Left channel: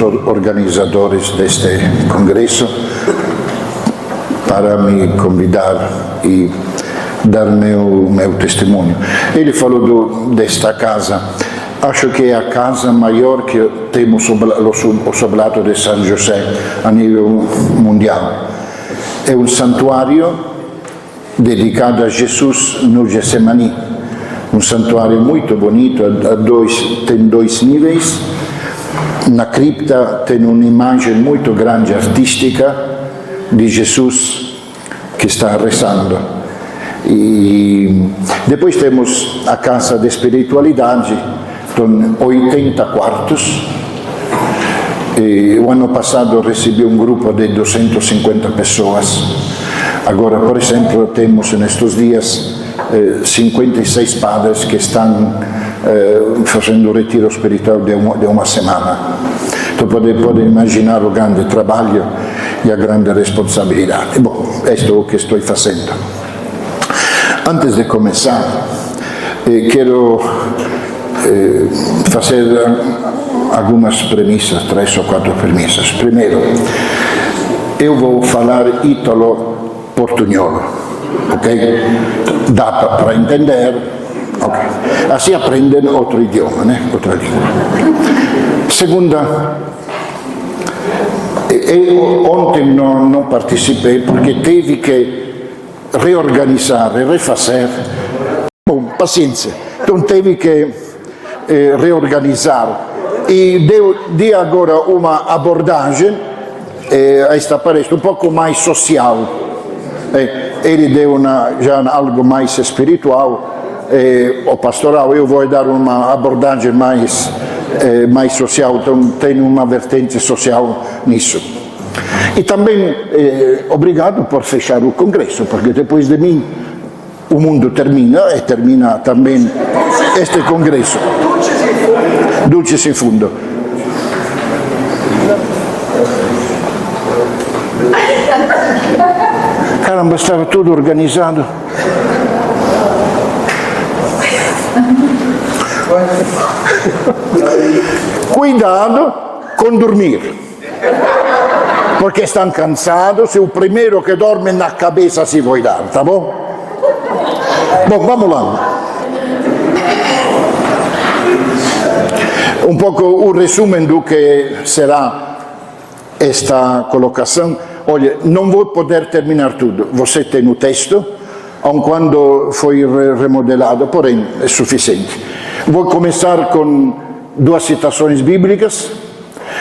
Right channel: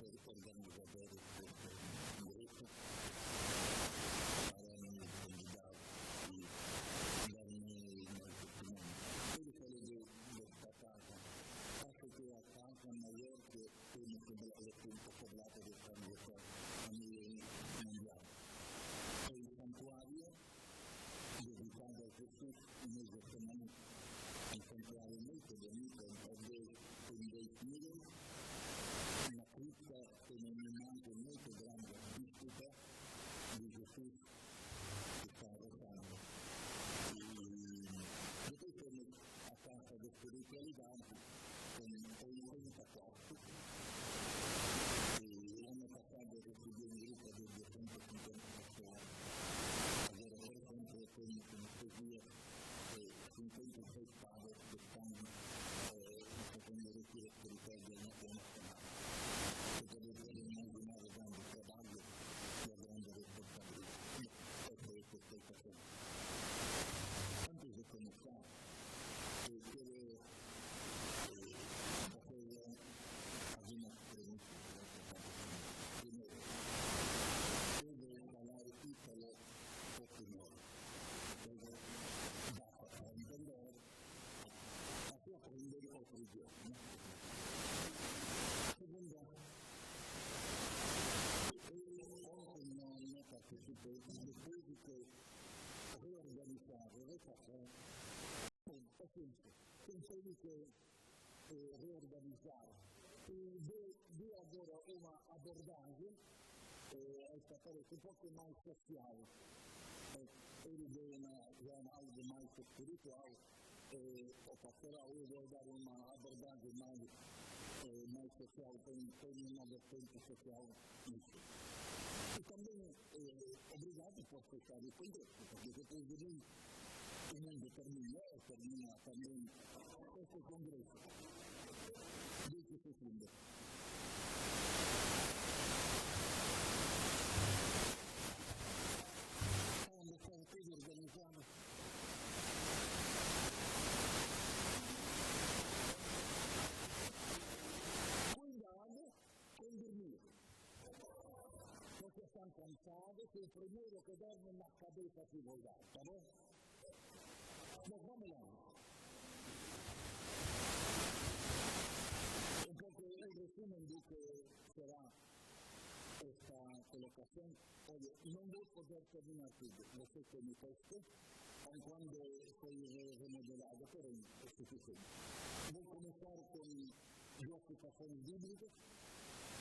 organizadores deste congresso para me convidar e dar meu testemunho. Ele falou desta casa. Acho que é a casa maior que temos o Sobrato de São José a nível mundial. É um santuário dedicado a Jesus no Getsemani. Um santuário muito bonito, tem 2 níveis. Na cripta tem uma imagem muito grande, artística, de Jesus que está rezando. E depois temos a casa de espiritualidade, com 80 quartos. E o ano passado recebi um grupo de 250 pessoas. Agora, por exemplo, temos nestes dias 56 padres que estão fazendo o retiro espiritual de uma semana. Então pode imaginar o grande trabalho e a grande responsabilidade. Bom, isto é o que estou fazendo. Antes de começar, quero fazer algumas premissas, 3 ou 4 premissas. Primeiro, eu vou falar ítalo-portugnolo, ok? Dá para entender, ok? Assim aprendem outro idioma, né? Outra língua. Segunda, eu ontem não participei porque tive que reorganizar e refazer. Bom, paciência. Então tive que reorganizar e dei agora uma abordagem a esta palestra um pouco mais social. Ele deu já algo mais espiritual ou pastoral. Eu vou dar uma abordagem mais social, então tem uma vertente social nisso. E também obrigado por fechar o congresso, porque depois de mim o mundo termina e termina também este congresso. Dulcis in fundo. Caramba, estava tudo organizado. Cuidado com dormir, porque estão cansados e o primeiro que dorme na cabeça se vai dar, tá bom? Bom, vamos lá. Um pouco o resumo do que será esta colocação. Olha, não vou poder terminar tudo. Você tem o texto, aun quando foi remodelado, porém é suficiente. Vou começar com 2 citações bíblicas,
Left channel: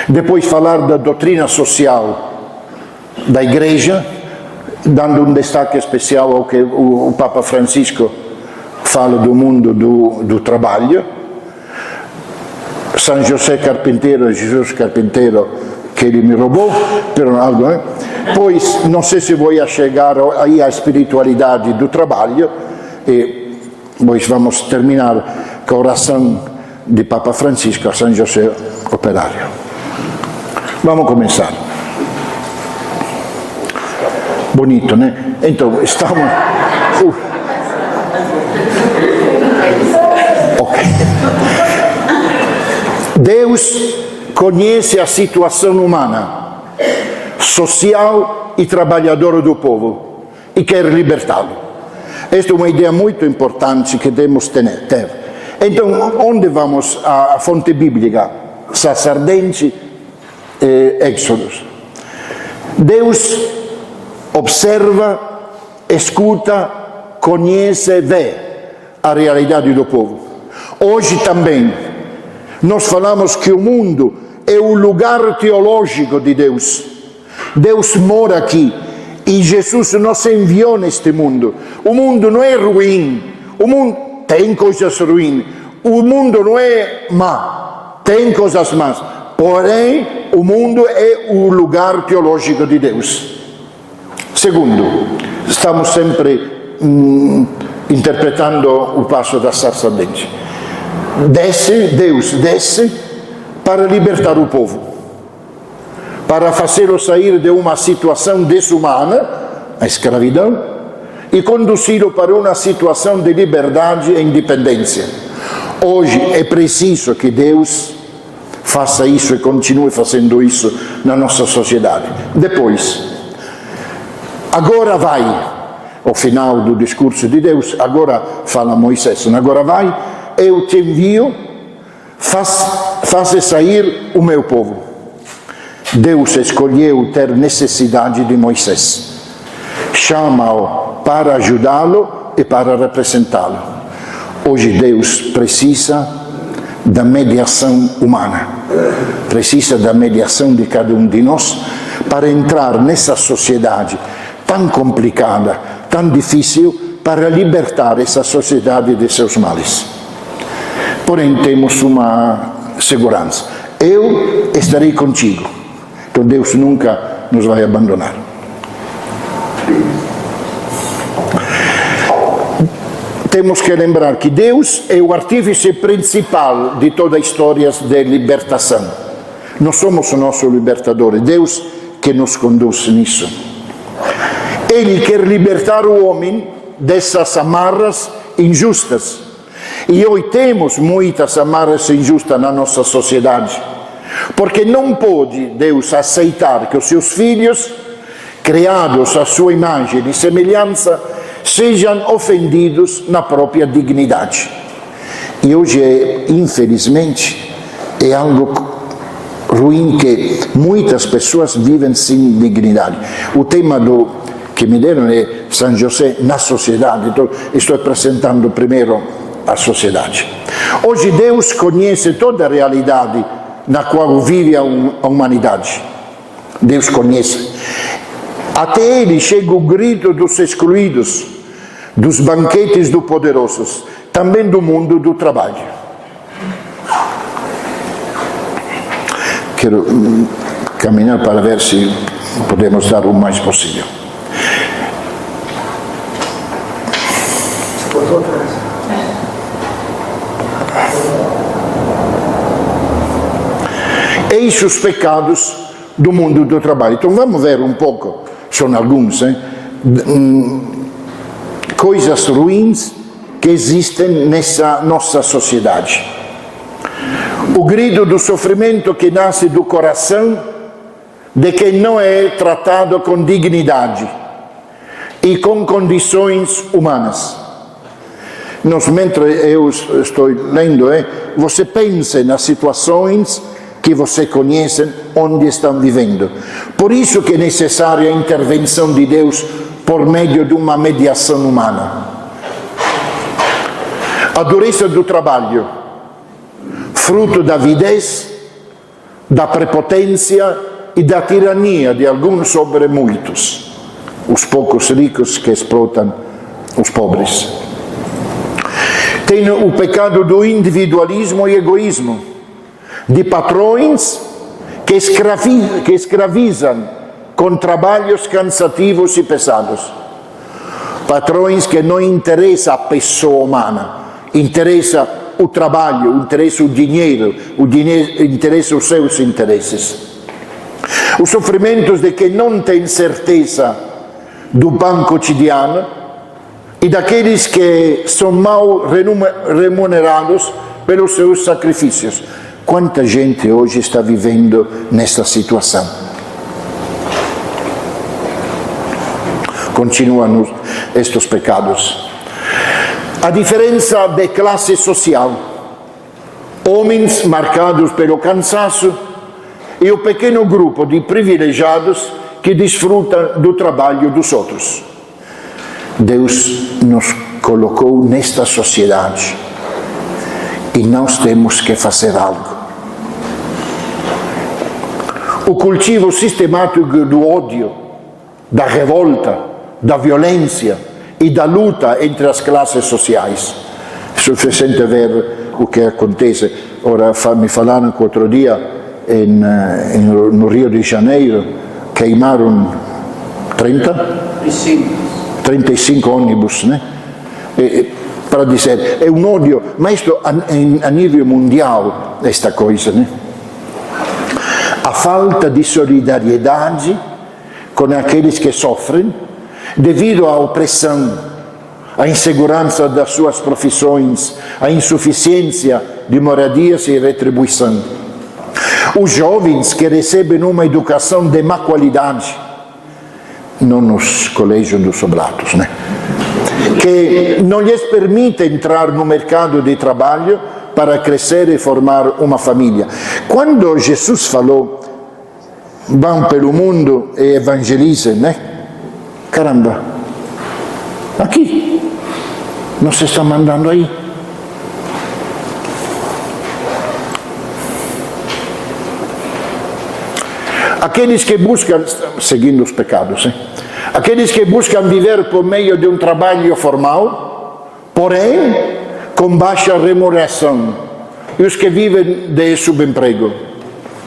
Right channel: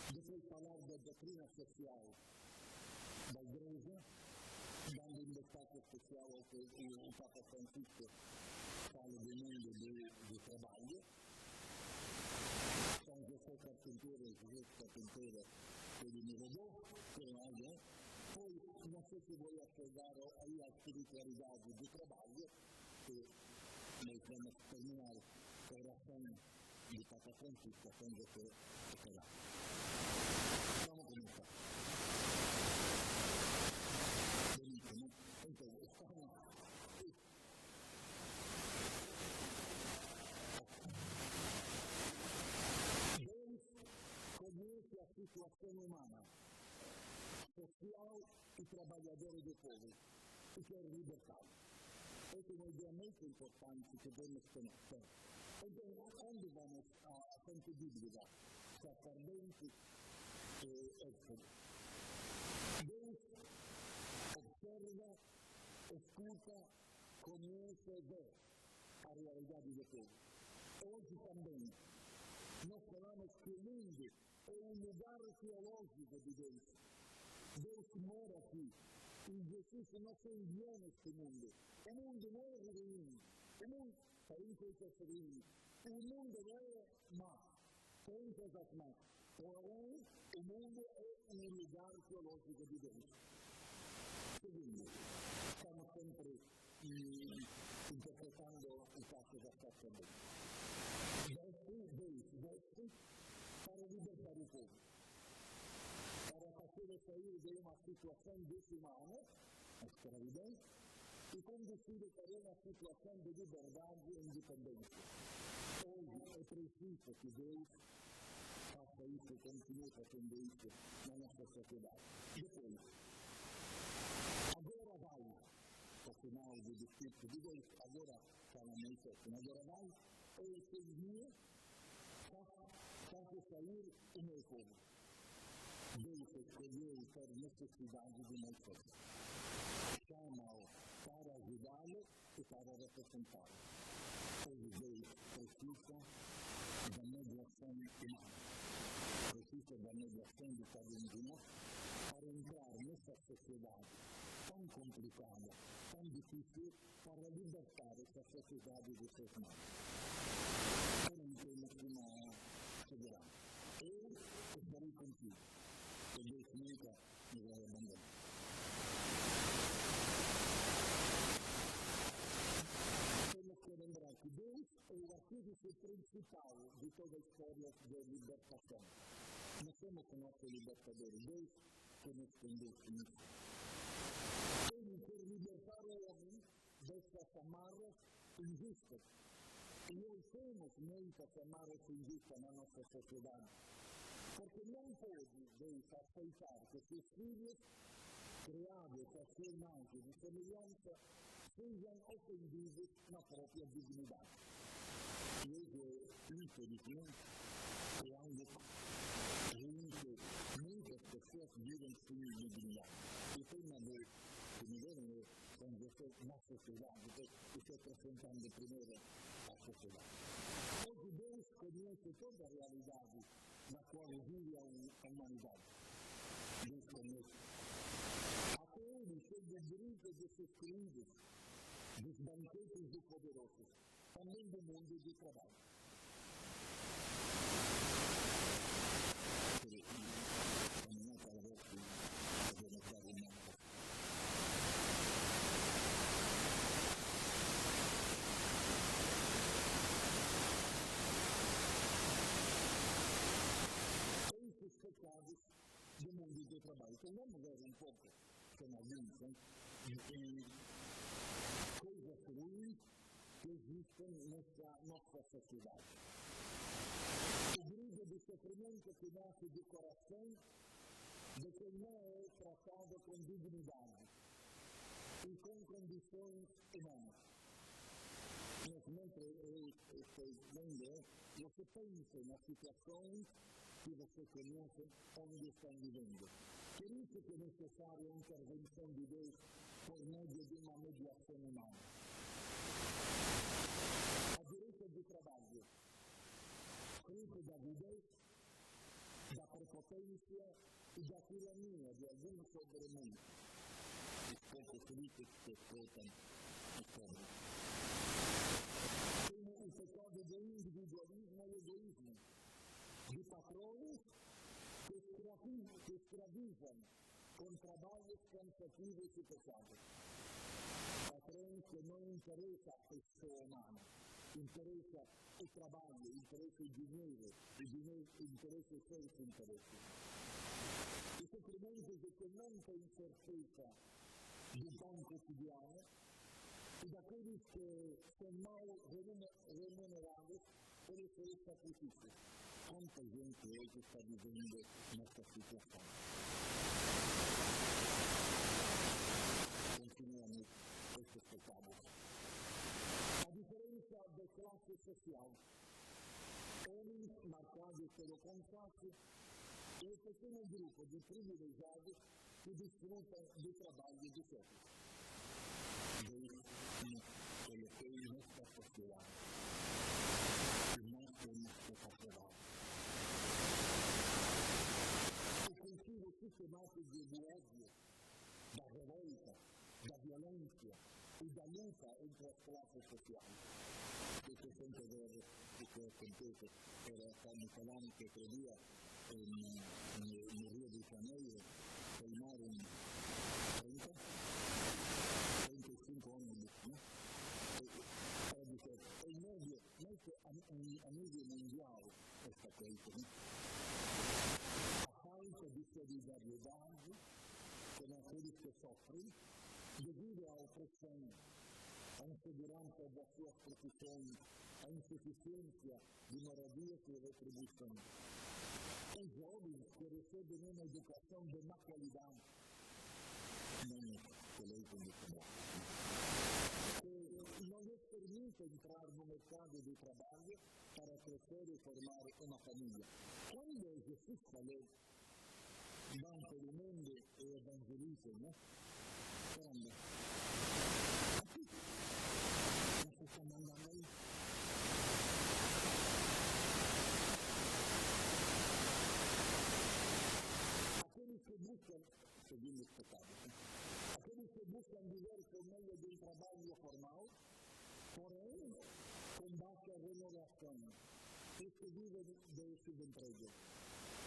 depois falar da doutrina social da Igreja, dando um destaque especial ao que o Papa Francisco fala do mundo do trabalho. São José Carpinteiro, Jesus Carpinteiro, que ele me roubou, pero algo, né? Pois, não sei se vou chegar aí à espiritualidade do trabalho, e pois vamos terminar com a oração de Papa Francisco a São José Operário. Vamos começar. Bonito, né? Então, estamos... Ok. Deus conhece a situação humana, social e trabalhadora do povo e quer libertá-lo. Esta é uma ideia muito importante que devemos ter. Então, onde vamos? A fonte bíblica, Sacerdente e Éxodos. Deus observa, escuta, conhece e vê a realidade do povo. Hoje também, nós falamos que o mundo é o lugar teológico de Deus. Deus mora aqui e Jesus nos enviou neste mundo. O mundo não é ruim, o mundo tem coisas ruins, o mundo não é má, tem coisas más. Porém, o mundo é o lugar teológico de Deus. Segundo, estamos sempre interpretando o passo da sacerdente. Deus desce para libertar o povo, para fazê-lo sair de uma situação desumana, a escravidão, e conduzi-lo para uma situação de liberdade e independência. Hoje é preciso que Deus faça isso e continue fazendo isso na nossa sociedade. Depois, agora vai, ao final do discurso de Deus, agora fala Moisés, agora vai, eu te envio, faça sair o meu povo. Deus escolheu ter necessidade de Moisés, chama-o para ajudá-lo e para representá-lo. Hoje Deus precisa da mediação humana, precisa da mediação de cada um de nós para entrar nessa sociedade tão complicada, tão difícil, para libertar essa sociedade de seus males. Porém, temos uma segurança: eu estarei contigo. Então Deus nunca nos vai abandonar. Temos que lembrar que Deus é o artífice principal de toda a história de libertação. Nós somos o nosso libertador, é Deus que nos conduz nisso. Ele quer libertar o homem dessas amarras injustas. E hoje temos muitas amarras injustas na nossa sociedade. Porque não pode Deus aceitar que os seus filhos, criados à sua imagem e semelhança, sejam ofendidos na própria dignidade. E hoje, infelizmente, é algo ruim que muitas pessoas vivem sem dignidade. O tema que me deram é São José na sociedade. Então, estou apresentando primeiro a sociedade. Hoje Deus conhece toda a realidade na qual vive a humanidade. Deus conhece. Até ele chega o grito dos excluídos, dos banquetes dos poderosos, também do mundo do trabalho. Quero caminhar para ver se podemos dar o mais possível. Eis os pecados do mundo do trabalho. Então vamos ver um pouco, são alguns, coisas ruins que existem nessa nossa sociedade. O grito do sofrimento que nasce do coração de quem não é tratado com dignidade e com condições humanas. Mentre eu estou lendo, você pensa nas situações que você conhece, onde estão vivendo. Por isso que é necessária a intervenção de Deus por meio de uma mediação humana. A dureza do trabalho, fruto da avidez, da prepotência e da tirania de alguns sobre muitos, os poucos ricos que explotam os pobres. Tem o pecado do individualismo e egoísmo, de patrões que escravizam com trabalhos cansativos e pesados. Patrões que não interessam a pessoa humana, interessa o trabalho, interessa o dinheiro interessa os seus interesses. Os sofrimentos de quem não tem certeza do pão cotidiano e daqueles que são mal remunerados pelos seus sacrifícios. Quanta gente hoje está vivendo nesta situação? Continuam estes pecados. A diferença de classe social. Homens marcados pelo cansaço e o pequeno grupo de privilegiados que desfrutam do trabalho dos outros. Deus nos colocou nesta sociedade e nós temos que fazer algo. O cultivo sistemático do ódio, da revolta, da violência e da luta entre as classes sociais. É suficiente ver o que acontece. Ora, me falaram que outro dia no Rio de Janeiro queimaram 35 ônibus, né? Para dizer, é um ódio, mas isto a nível mundial, esta coisa, né? A falta de solidariedade com aqueles que sofrem devido à opressão, à insegurança das suas profissões, à insuficiência de moradias e retribuição. Os jovens que recebem uma educação de má qualidade, não nos colégios dos oblatos, né? Que não lhes permite entrar no mercado de trabalho para crescer e formar uma família. Quando Jesus falou, vão pelo mundo e evangelizem, né? Caramba, aqui, nos está mandando aí. Aqueles que buscam, seguindo os pecados, aqueles que buscam viver por meio de um trabalho formal, porém com baixa remuneração, e os que vivem de subemprego.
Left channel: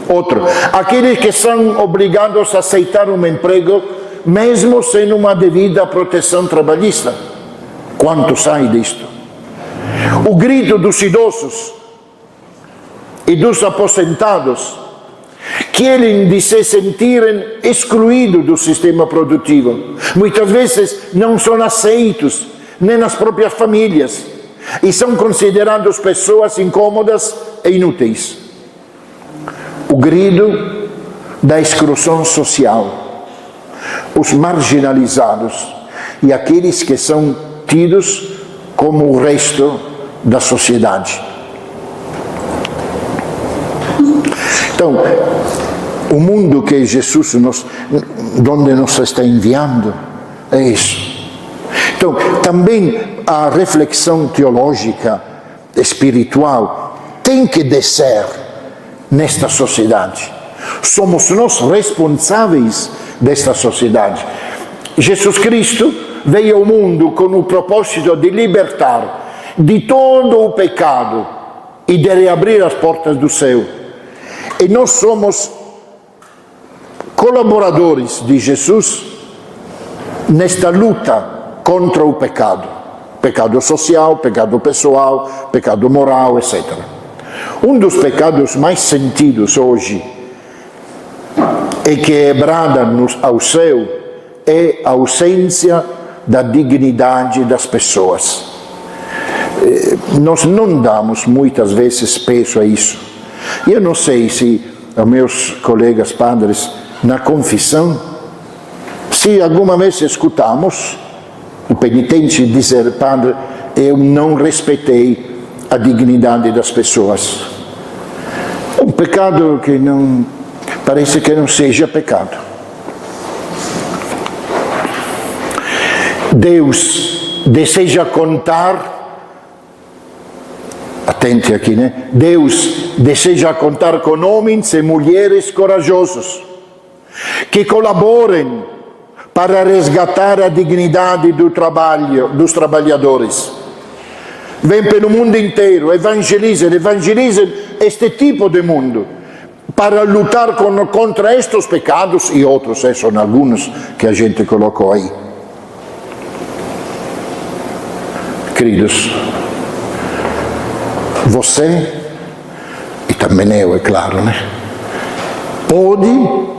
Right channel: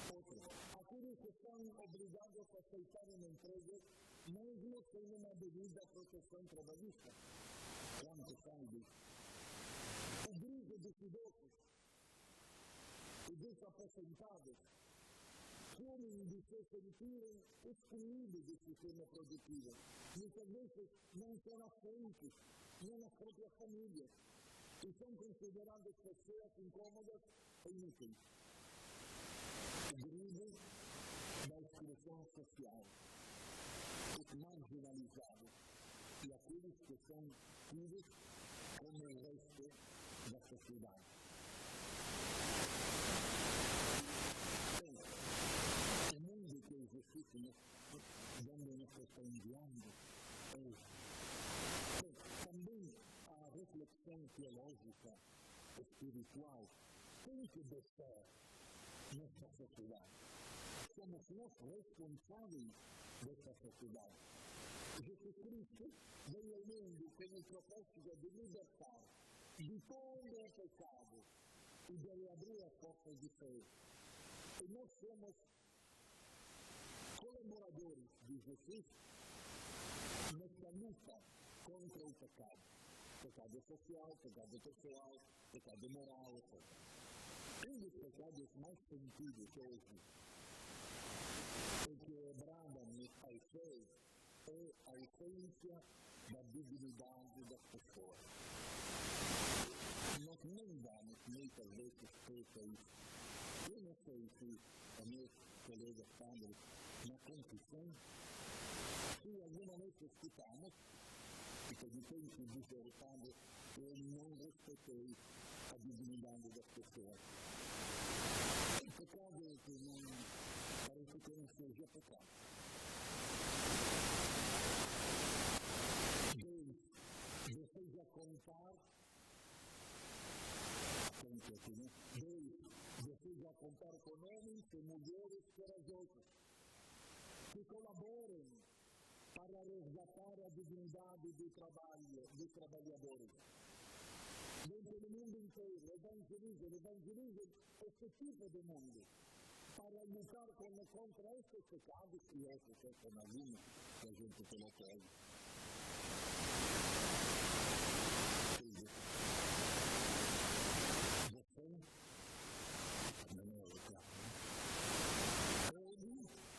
Outro, aqueles que são obrigados a aceitar um emprego mesmo sem uma devida proteção trabalhista. Quanto sai disto? O grito dos idosos e dos aposentados, querem de se sentirem excluídos do sistema produtivo. Muitas vezes não são aceitos nem nas próprias famílias e são considerados pessoas incômodas e inúteis. O grito da exclusão social, os marginalizados e aqueles que são tidos como o resto da sociedade. Então, o mundo que Jesus onde nos está enviando é isso. Então, também a reflexão teológica, espiritual, tem que descer nesta sociedade. Somos nós responsáveis desta sociedade. Jesus Cristo veio ao mundo com o propósito de libertar de todo o pecado e de reabrir as portas do céu. E nós somos colaboradores de Jesus nesta luta contra o pecado. Pecado social, pecado pessoal, pecado moral, etc. Um dos pecados mais sentidos hoje e que brada-nos ao céu é a ausência da dignidade das pessoas. Nós não damos muitas vezes peso a isso. Eu não sei se os meus colegas padres na confissão, se alguma vez escutamos o penitente dizer: padre, eu não respeitei a dignidade das pessoas. É um pecado que não parece que não seja pecado. Deus deseja contar, atente aqui, né? Deus deseja contar com homens e mulheres corajosos, que colaborem para resgatar a dignidade do trabalho, dos trabalhadores. Vem pelo mundo inteiro, evangelizem este tipo de mundo, para lutar contra estes pecados e outros, são alguns que a gente colocou aí. Queridos, você, e também eu, é claro, né? Pode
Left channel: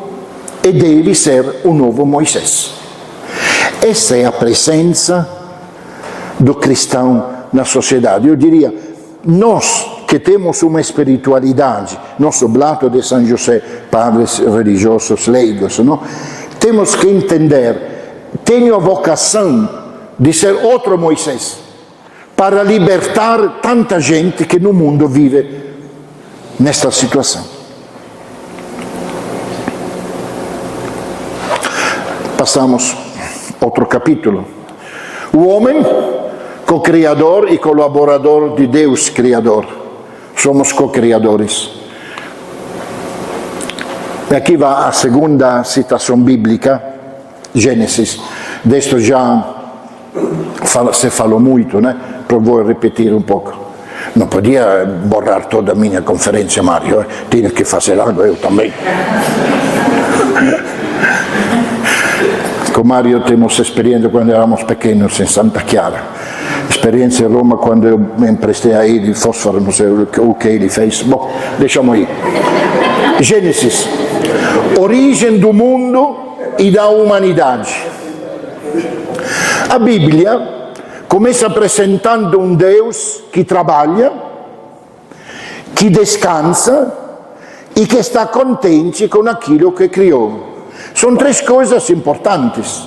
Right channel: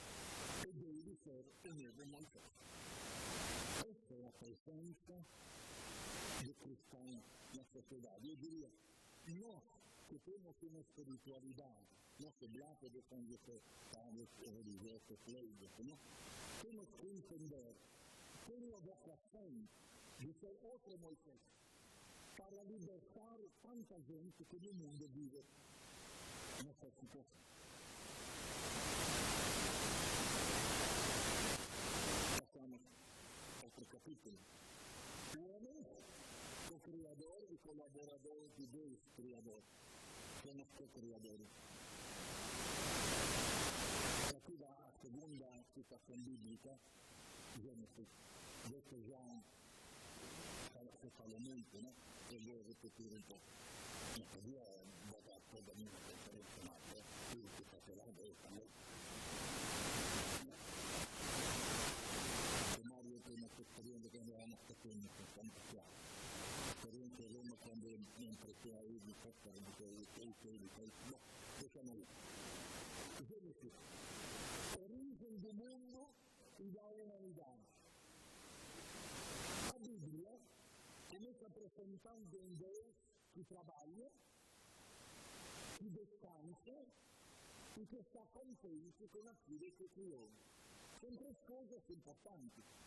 e deve ser o novo Moisés. Essa é a presença do cristão na sociedade. Eu diria, nós que temos uma espiritualidade, nosso oblato de São José, padres religiosos leigos, não? Temos que entender, tenho a vocação de ser outro Moisés, para libertar tanta gente que no mundo vive nesta situação. Passamos outro capítulo. O homem, co-criador e colaborador de Deus Criador. Somos co-criadores. E aqui vai a segunda citação bíblica, Gênesis. Deste já se falou muito, né? Vou repetir um pouco. Não podia borrar toda a minha conferência, Mário. Tinha que fazer algo, eu também. Com Mário temos experiência quando éramos pequenos em Santa Chiara. Experiência em Roma quando eu me emprestei a ele fósforo, não sei o que ele fez. Bom, deixamos aí. Gênesis. Origem do mundo e da humanidade. A Bíblia começa apresentando um Deus que trabalha, que descansa, e que está contente com aquilo que criou. São três coisas importantes,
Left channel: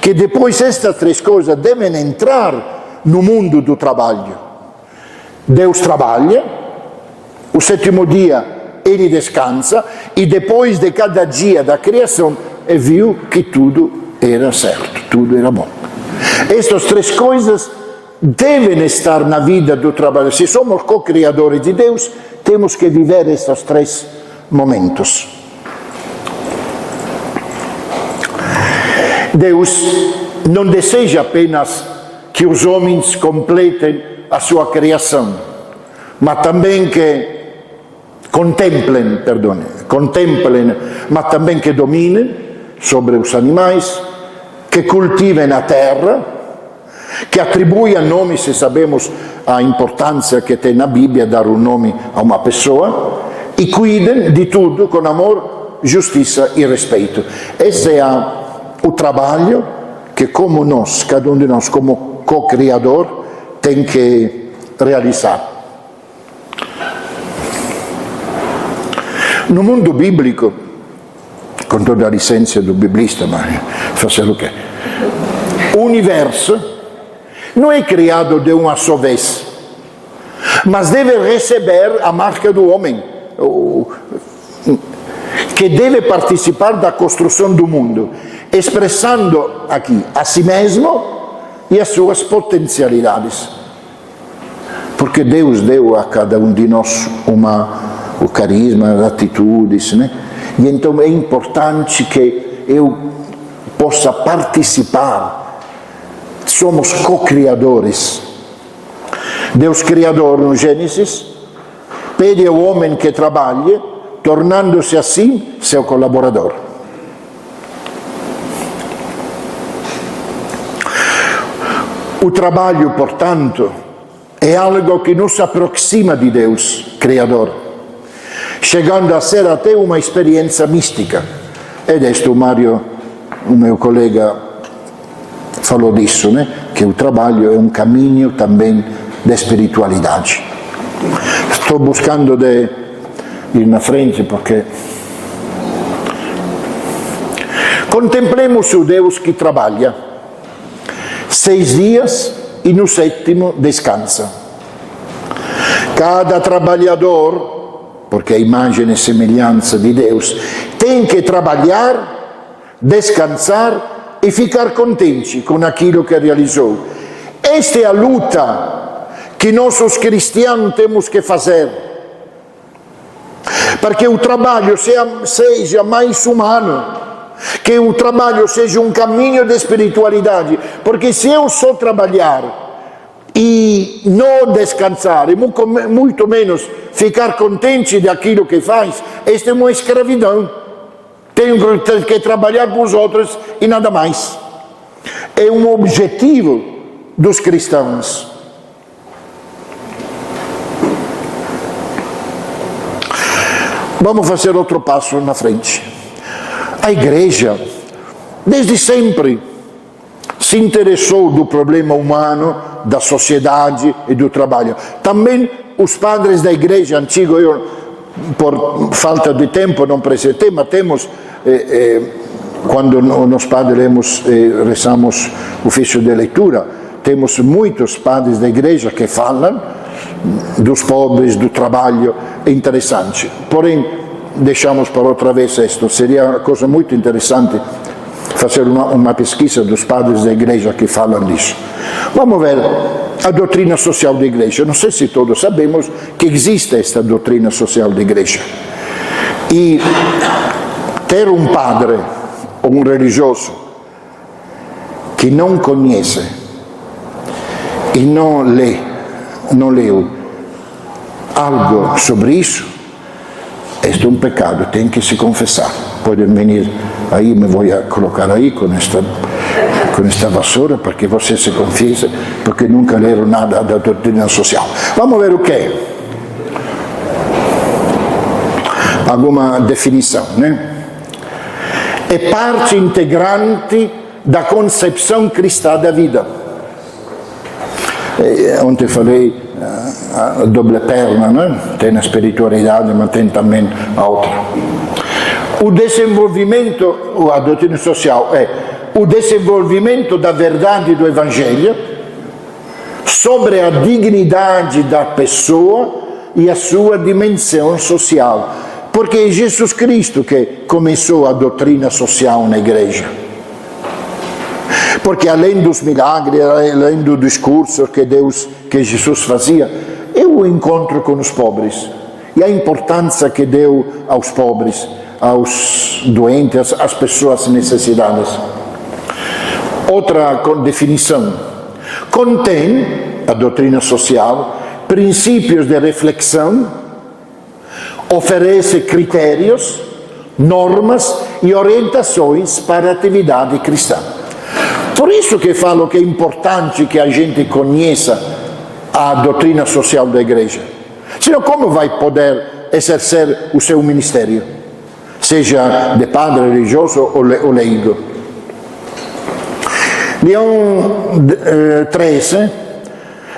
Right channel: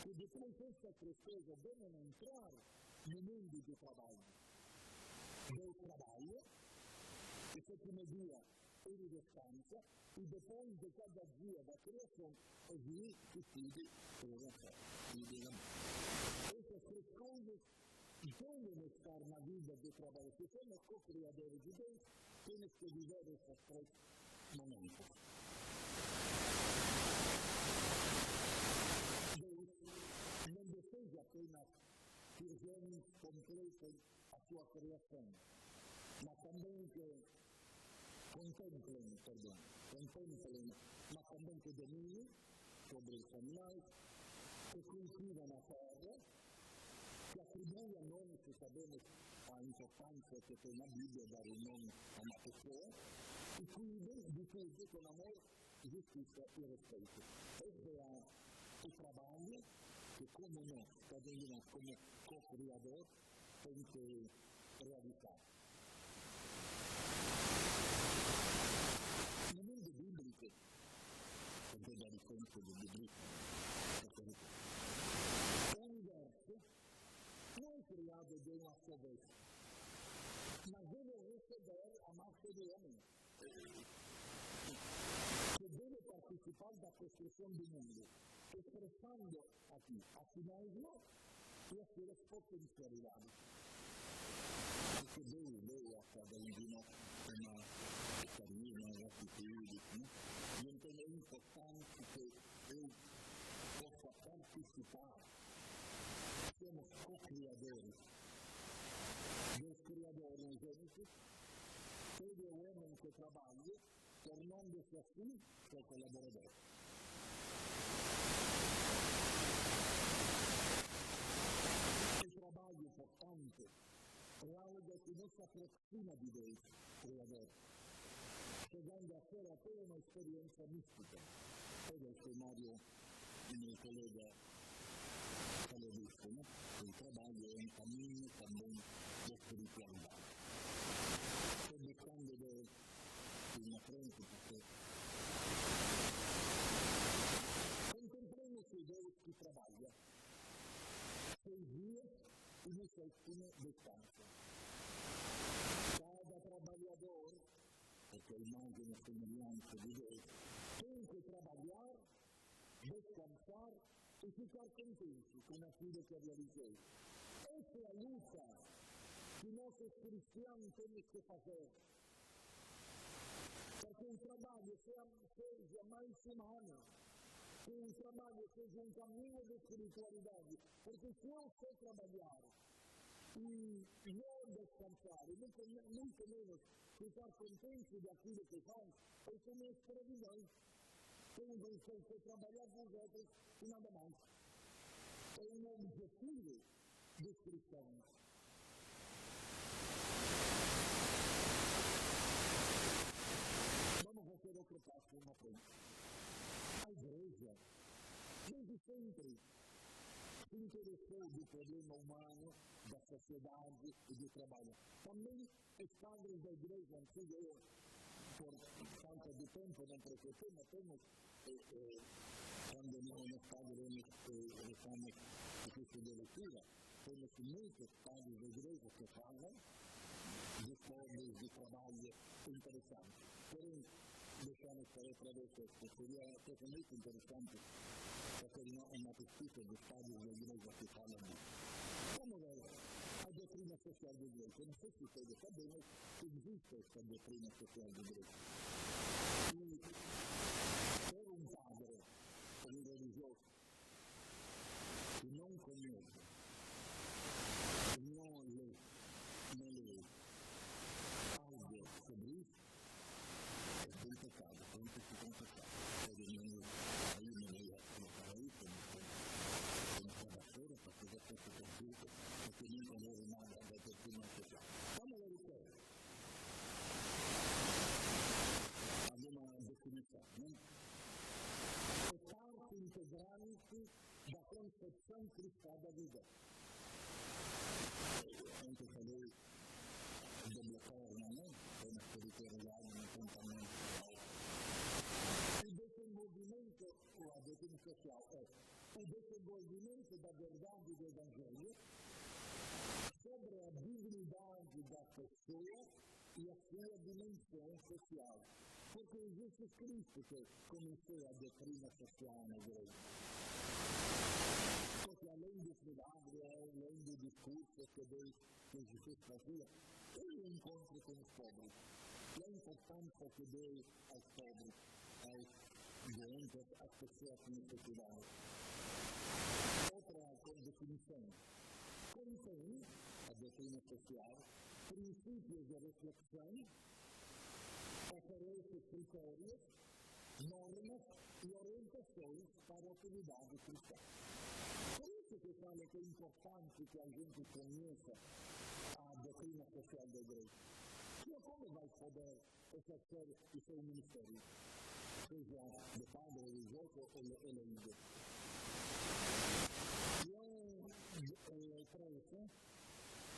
que depois estas três coisas devem entrar no mundo do trabalho. Deus trabalha, o sétimo dia ele descansa, e depois de cada dia da criação, viu que tudo era certo, tudo era bom. Estas três coisas devem estar na vida do trabalho. Se somos co-criadores de Deus, temos que viver estes três momentos. Deus não deseja apenas que os homens completem a sua criação, mas também que contemplem, mas também que dominem sobre os animais, que cultivem a terra, que atribuam nome, se sabemos a importância que tem na Bíblia dar um nome a uma pessoa, e cuidem de tudo com amor, justiça e respeito. Esse é o trabalho que, como nós, cada um de nós, como co-criador, tem que realizar. No mundo bíblico, com toda a licença do biblista, mas fazer o quê? O universo não é criado de uma só vez, mas deve receber a marca do homem, que deve participar da construção do mundo, expressando aqui a si mesmo e as suas potencialidades. Porque Deus deu a cada um de nós o carisma, as atitudes, né? E então é importante que eu possa participar. Somos co-criadores. Deus Criador, no Gênesis, pede ao homem que trabalhe, tornando-se assim seu colaborador. O trabalho, portanto, é algo que nos aproxima de Deus Criador, chegando a ser até uma experiência mística. E deste o Mário, o meu colega, falou disso, né? Que o trabalho é um caminho também de espiritualidade. Estou buscando de ir na frente porque... Contemplemos o Deus que trabalha 6 dias e no 7º descansa. Cada trabalhador, porque a imagem e semelhança de Deus, tem que trabalhar, descansar e ficar contente com aquilo que realizou. Esta é a luta que nós os cristianos temos que fazer, para que o trabalho seja mais humano, que o trabalho seja um caminho de espiritualidade, porque se eu só trabalhar e não descansar, e muito menos ficar contente daquilo que faz, esta é uma escravidão. Tenho que trabalhar com os outros e nada mais. É um objetivo dos cristãos. Vamos fazer outro passo na frente. A igreja, desde sempre, se interessou do problema humano, da sociedade e do trabalho. Também os padres da igreja antiga, eu, por falta de tempo, não apresentei, mas temos, quando nós padres rezamos o ofício de leitura, temos muitos padres da igreja que falam dos pobres, do trabalho, é interessante. Porém, deixamos para outra vez isto. Seria uma coisa muito interessante fazer uma pesquisa dos padres da igreja que falam disso. Vamos ver a doutrina social da igreja. Não sei se todos sabemos que existe esta doutrina social da igreja. E ter um padre ou um religioso que não conhece e não leu algo sobre isso, este é um pecado, tem que se confessar. Podem venir aí, me vou colocar aí com esta vassoura, para que você se confesse, porque nunca leram nada da doutrina social. Vamos ver o que é. Alguma definição, né? É parte integrante da concepção cristã da vida. Ontem falei a doble perna, né? Tem a espiritualidade, mas tem também a outra. O desenvolvimento, a doutrina social é o desenvolvimento da verdade do Evangelho sobre a dignidade da pessoa e a sua dimensão social. Porque é Jesus Cristo que começou a doutrina social na igreja. Porque além dos milagres, além do discurso que Jesus fazia, é o encontro com os pobres. E a importância que deu aos pobres, aos doentes, às pessoas necessitadas. Outra definição. Contém, a doutrina social, princípios de reflexão, oferece critérios, normas e orientações para a atividade cristã. Por isso que falo que é importante que a gente conheça a doutrina social da igreja. Senão como vai poder exercer o seu ministério? Seja de padre religioso ou leigo. Leão XIII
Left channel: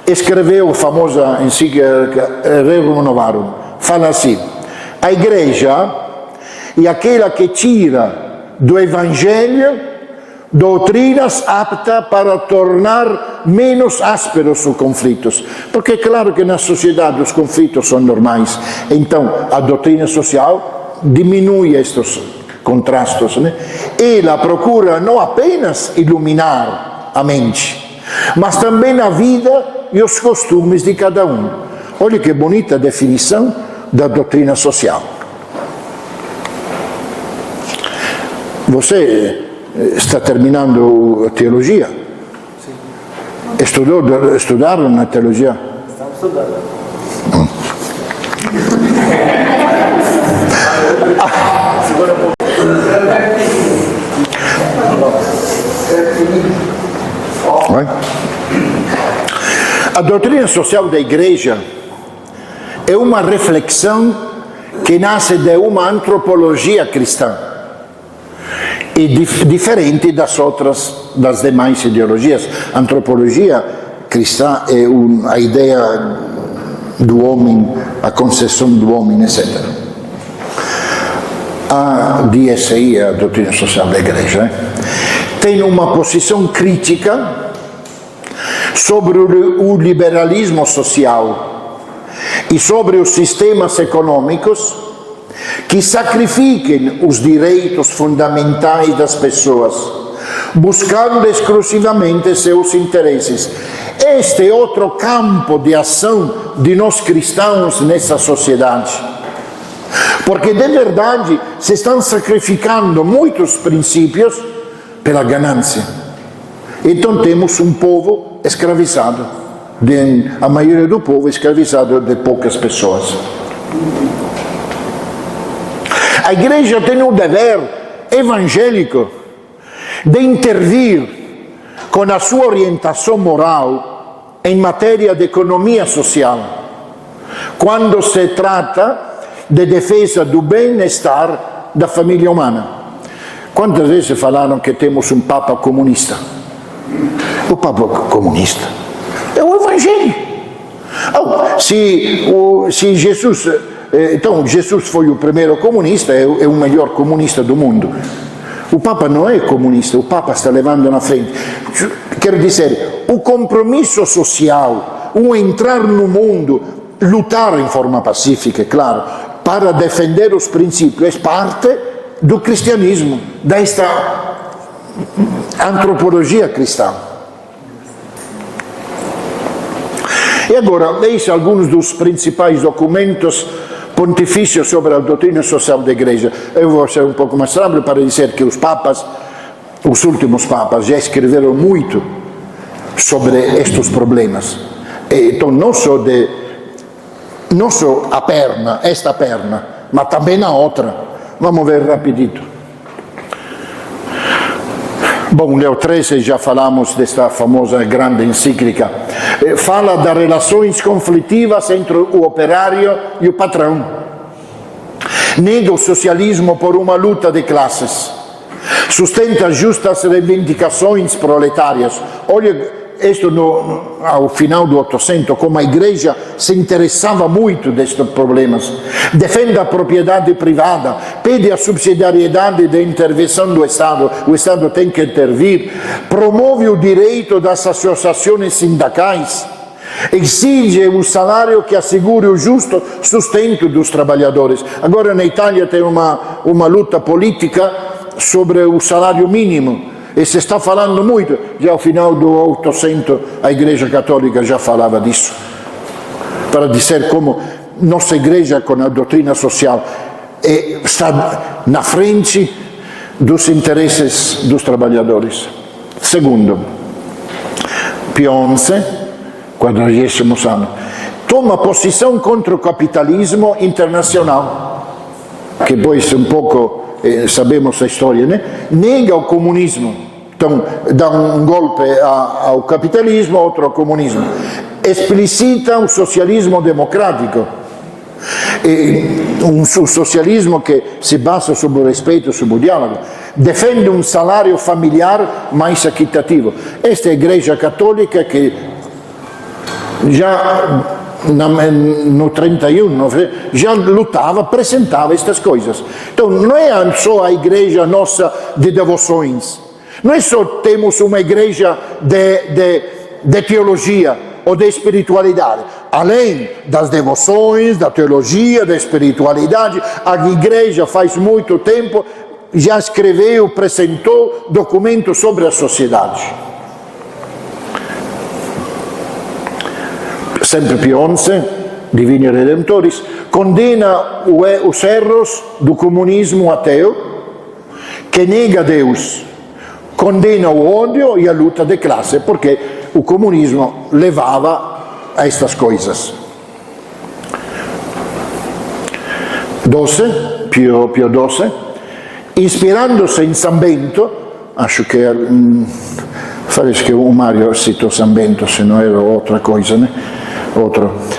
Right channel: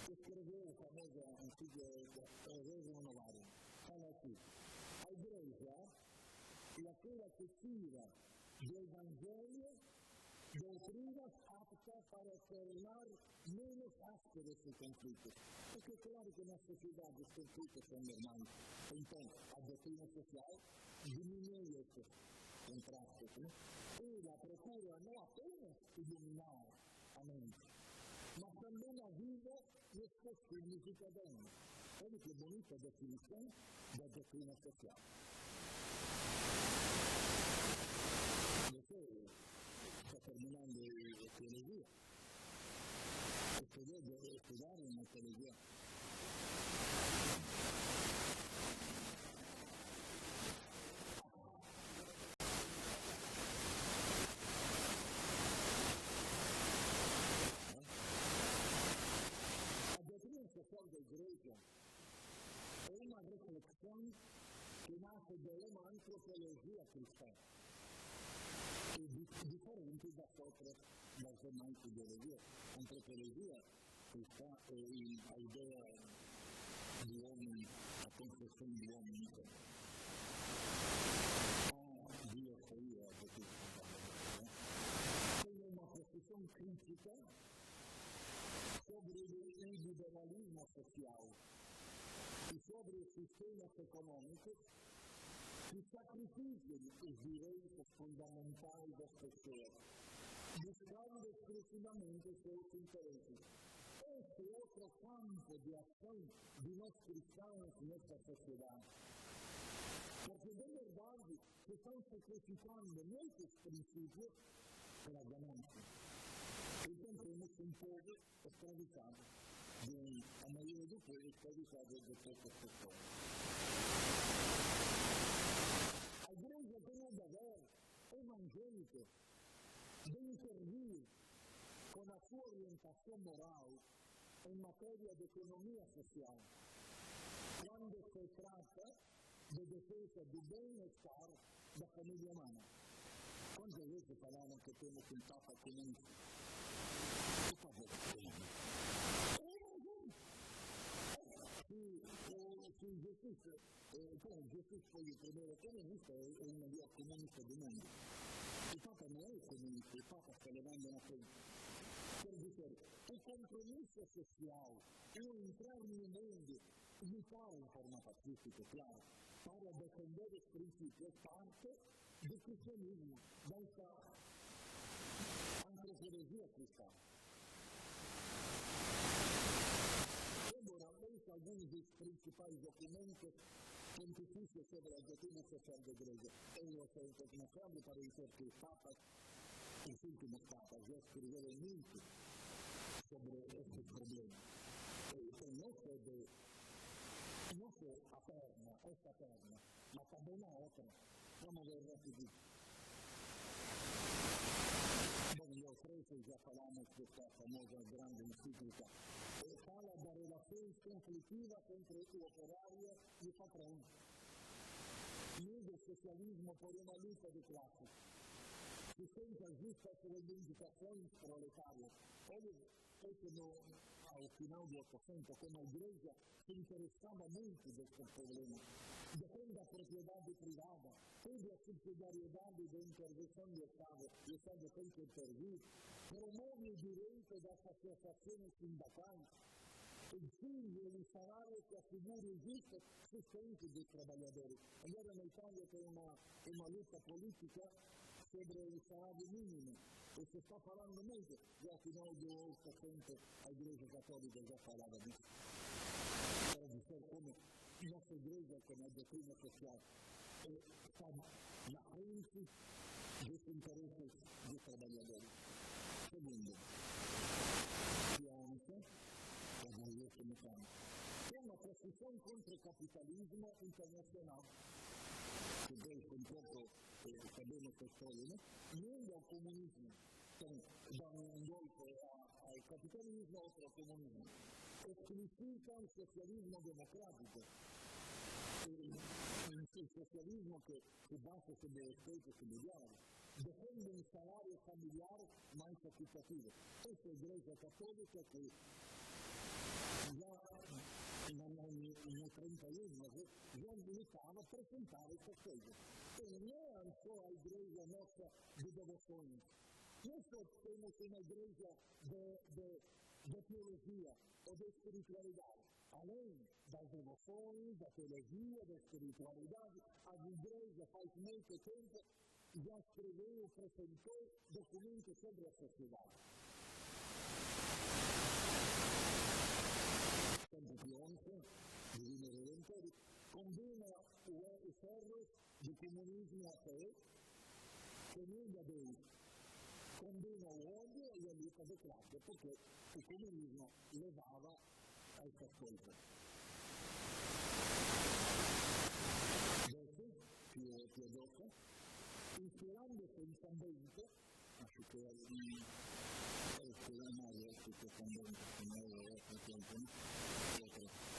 escreveu a famosa encíclica Rerum Novarum. Fala assim: a igreja é aquela que tira do Evangelho doutrinas aptas para tornar menos ásperos os conflitos. Porque é claro que na sociedade os conflitos são normais. Então a doutrina social diminui estes contrastes, né? Ela procura não apenas iluminar a mente, mas também a vida e os costumes de cada um. Olha que bonita definição da doutrina social. Você está terminando a teologia? Sim. Estudaram na teologia? Estamos estudando. A doutrina social da igreja é uma reflexão que nasce de uma antropologia cristã e diferente das demais ideologias. A antropologia cristã é a ideia do homem, a concepção do homem, etc. A DSI, a doutrina social da igreja, tem uma posição crítica sobre o liberalismo social e sobre os sistemas econômicos que sacrifiquem os direitos fundamentais das pessoas, buscando exclusivamente seus interesses. Este é outro campo de ação de nós cristãos nessa sociedade. Porque de verdade se estão sacrificando muitos princípios pela ganância. Então temos um povo escravizado, a maioria do povo escravizado de poucas pessoas. A igreja tem um dever evangélico de intervir com a sua orientação moral em matéria de economia social, quando se trata de defesa do bem-estar da família humana. Quantas vezes falaram que temos um Papa comunista? O Papa comunista é o Evangelho. Se Jesus... Então, Jesus foi o primeiro comunista, é o melhor comunista do mundo. O Papa não é comunista, o Papa está levando na frente. Quero dizer, o compromisso social, o entrar no mundo, lutar em forma pacífica, é claro, para defender os princípios, é parte do cristianismo, desta antropologia cristã. E agora, eis alguns dos principais documentos pontifícios sobre a doutrina social da igreja. Eu vou ser um pouco mais rápido para dizer que os papas, os últimos papas, já escreveram muito sobre estes problemas. Então, não só a perna, esta perna, mas também a outra. Vamos ver rapidito. Bom, Leo XIII, já falamos desta famosa grande encíclica, fala das relações conflitivas entre o operário e o patrão. Nega o socialismo por uma luta de classes. Sustenta justas reivindicações proletárias. Olha isto ao final do 800, como a igreja se interessava muito destes problemas. Defende a propriedade privada, pede a subsidiariedade da intervenção do Estado, o Estado tem que intervir, promove o direito das associações sindicais, exige um salário que assegure o justo sustento dos trabalhadores. Agora na Itália tem uma luta política sobre o salário mínimo, e se está falando muito, já ao final do 800 a Igreja Católica já falava disso, para dizer como nossa igreja com a doutrina social está na frente dos interesses dos trabalhadores. Segundo, Pio XI, 40º anno, toma posição contra o capitalismo internacional, que poi un poco sabemos a história, né? Nega o comunismo. Então, dá um golpe ao capitalismo, outro ao comunismo. Explicita o socialismo democrático. Um socialismo que se basa sobre o respeito, sobre o diálogo. Defende um salário familiar mais equitativo. Esta é a Igreja Católica que já no 31 já lutava, apresentava estas coisas. Então não é só a igreja nossa de devoções, não é só temos uma igreja de teologia ou de espiritualidade. Além das devoções, da teologia, da espiritualidade, a igreja faz muito tempo já escreveu, apresentou documentos sobre a sociedade. Sempre Pio XI, Divini Redemptoris, condena os erros do comunismo ateu, que nega Deus, condena o ódio e a luta de classe, porque o comunismo levava a estas coisas. 12, Pio XII, ispirandosi in San Bento, acho que parece que o Mário citou San Bento, se não era outra coisa, né?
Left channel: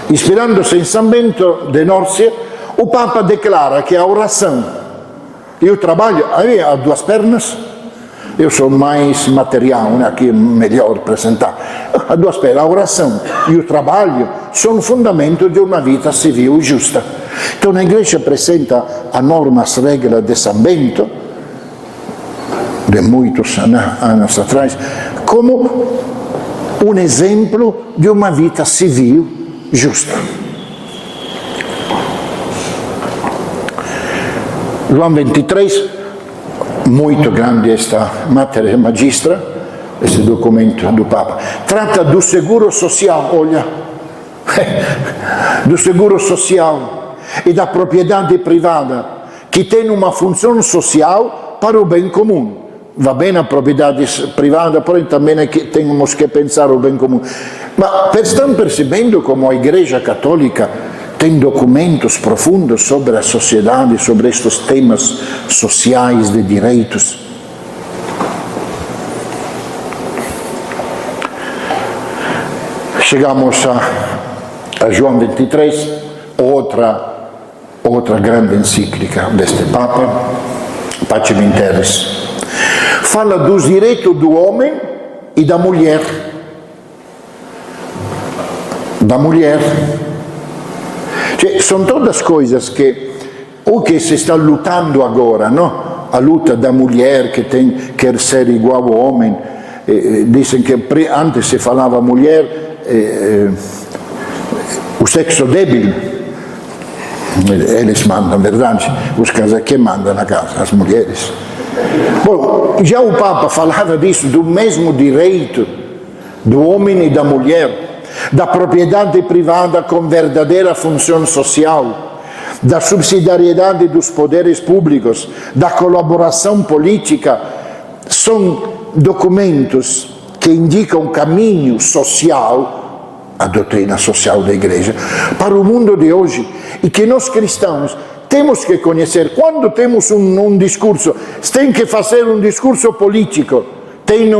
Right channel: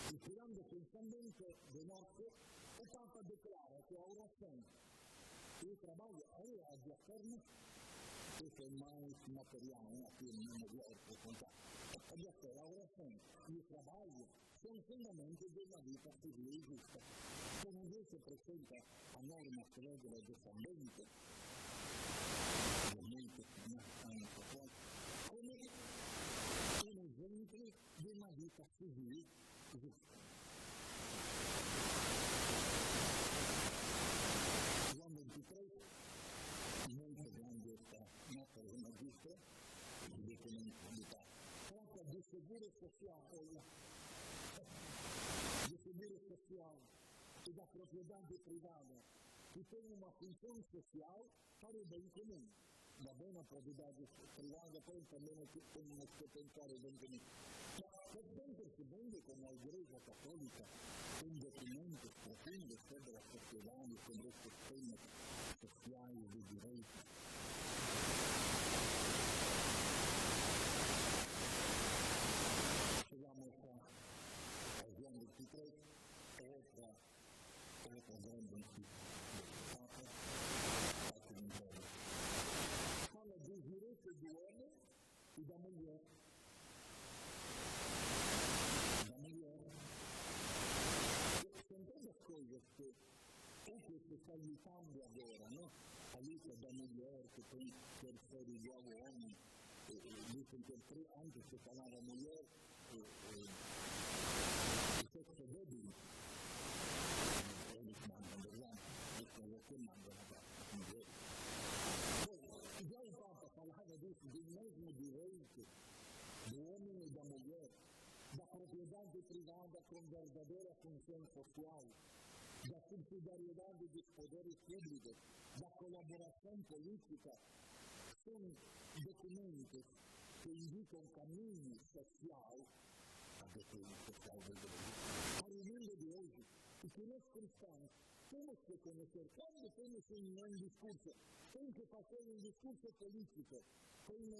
Ispirandosi in San Bento de Nórcia, o Papa declara que a oração e o trabalho, aí há duas pernas, eu sou mais material, né? Aqui é melhor apresentar, há duas pernas, a oração e o trabalho são o fundamento de uma vida civil justa. Então a igreja apresenta a norma, as regras de San Bento, de muitos anos atrás, como um exemplo de uma vida civil justa. João 23, muito grande esta Mater Magistra, esse documento do Papa, trata do seguro social, olha, do seguro social e da propriedade privada, que tem uma função social para o bem comum. Va bene a propriedade privada, porém também temos que pensar o bem comum. Mas estão percebendo como a Igreja Católica tem documentos profundos sobre a sociedade, sobre estes temas sociais de direitos? Chegamos a João 23, outra grande encíclica deste Papa, Pacem in Terris. Fala dos direitos do homem e da mulher. Cioè, são todas coisas que o que se está lutando agora, não? A luta da mulher que quer ser igual ao homem. Dizem que antes se falava mulher, o sexo débil. Eles mandam, verdade? Os casais que mandam na casa, as mulheres. Bom, já o Papa falava disso, do mesmo direito do homem e da mulher, da propriedade privada com verdadeira função social, da subsidiariedade dos poderes públicos, da colaboração política. São documentos que indicam um caminho social, a doutrina social da Igreja, para o mundo de hoje, e que nós cristãos temos que conhecer. Quando temos um discurso, tem que fazer um discurso político. Tem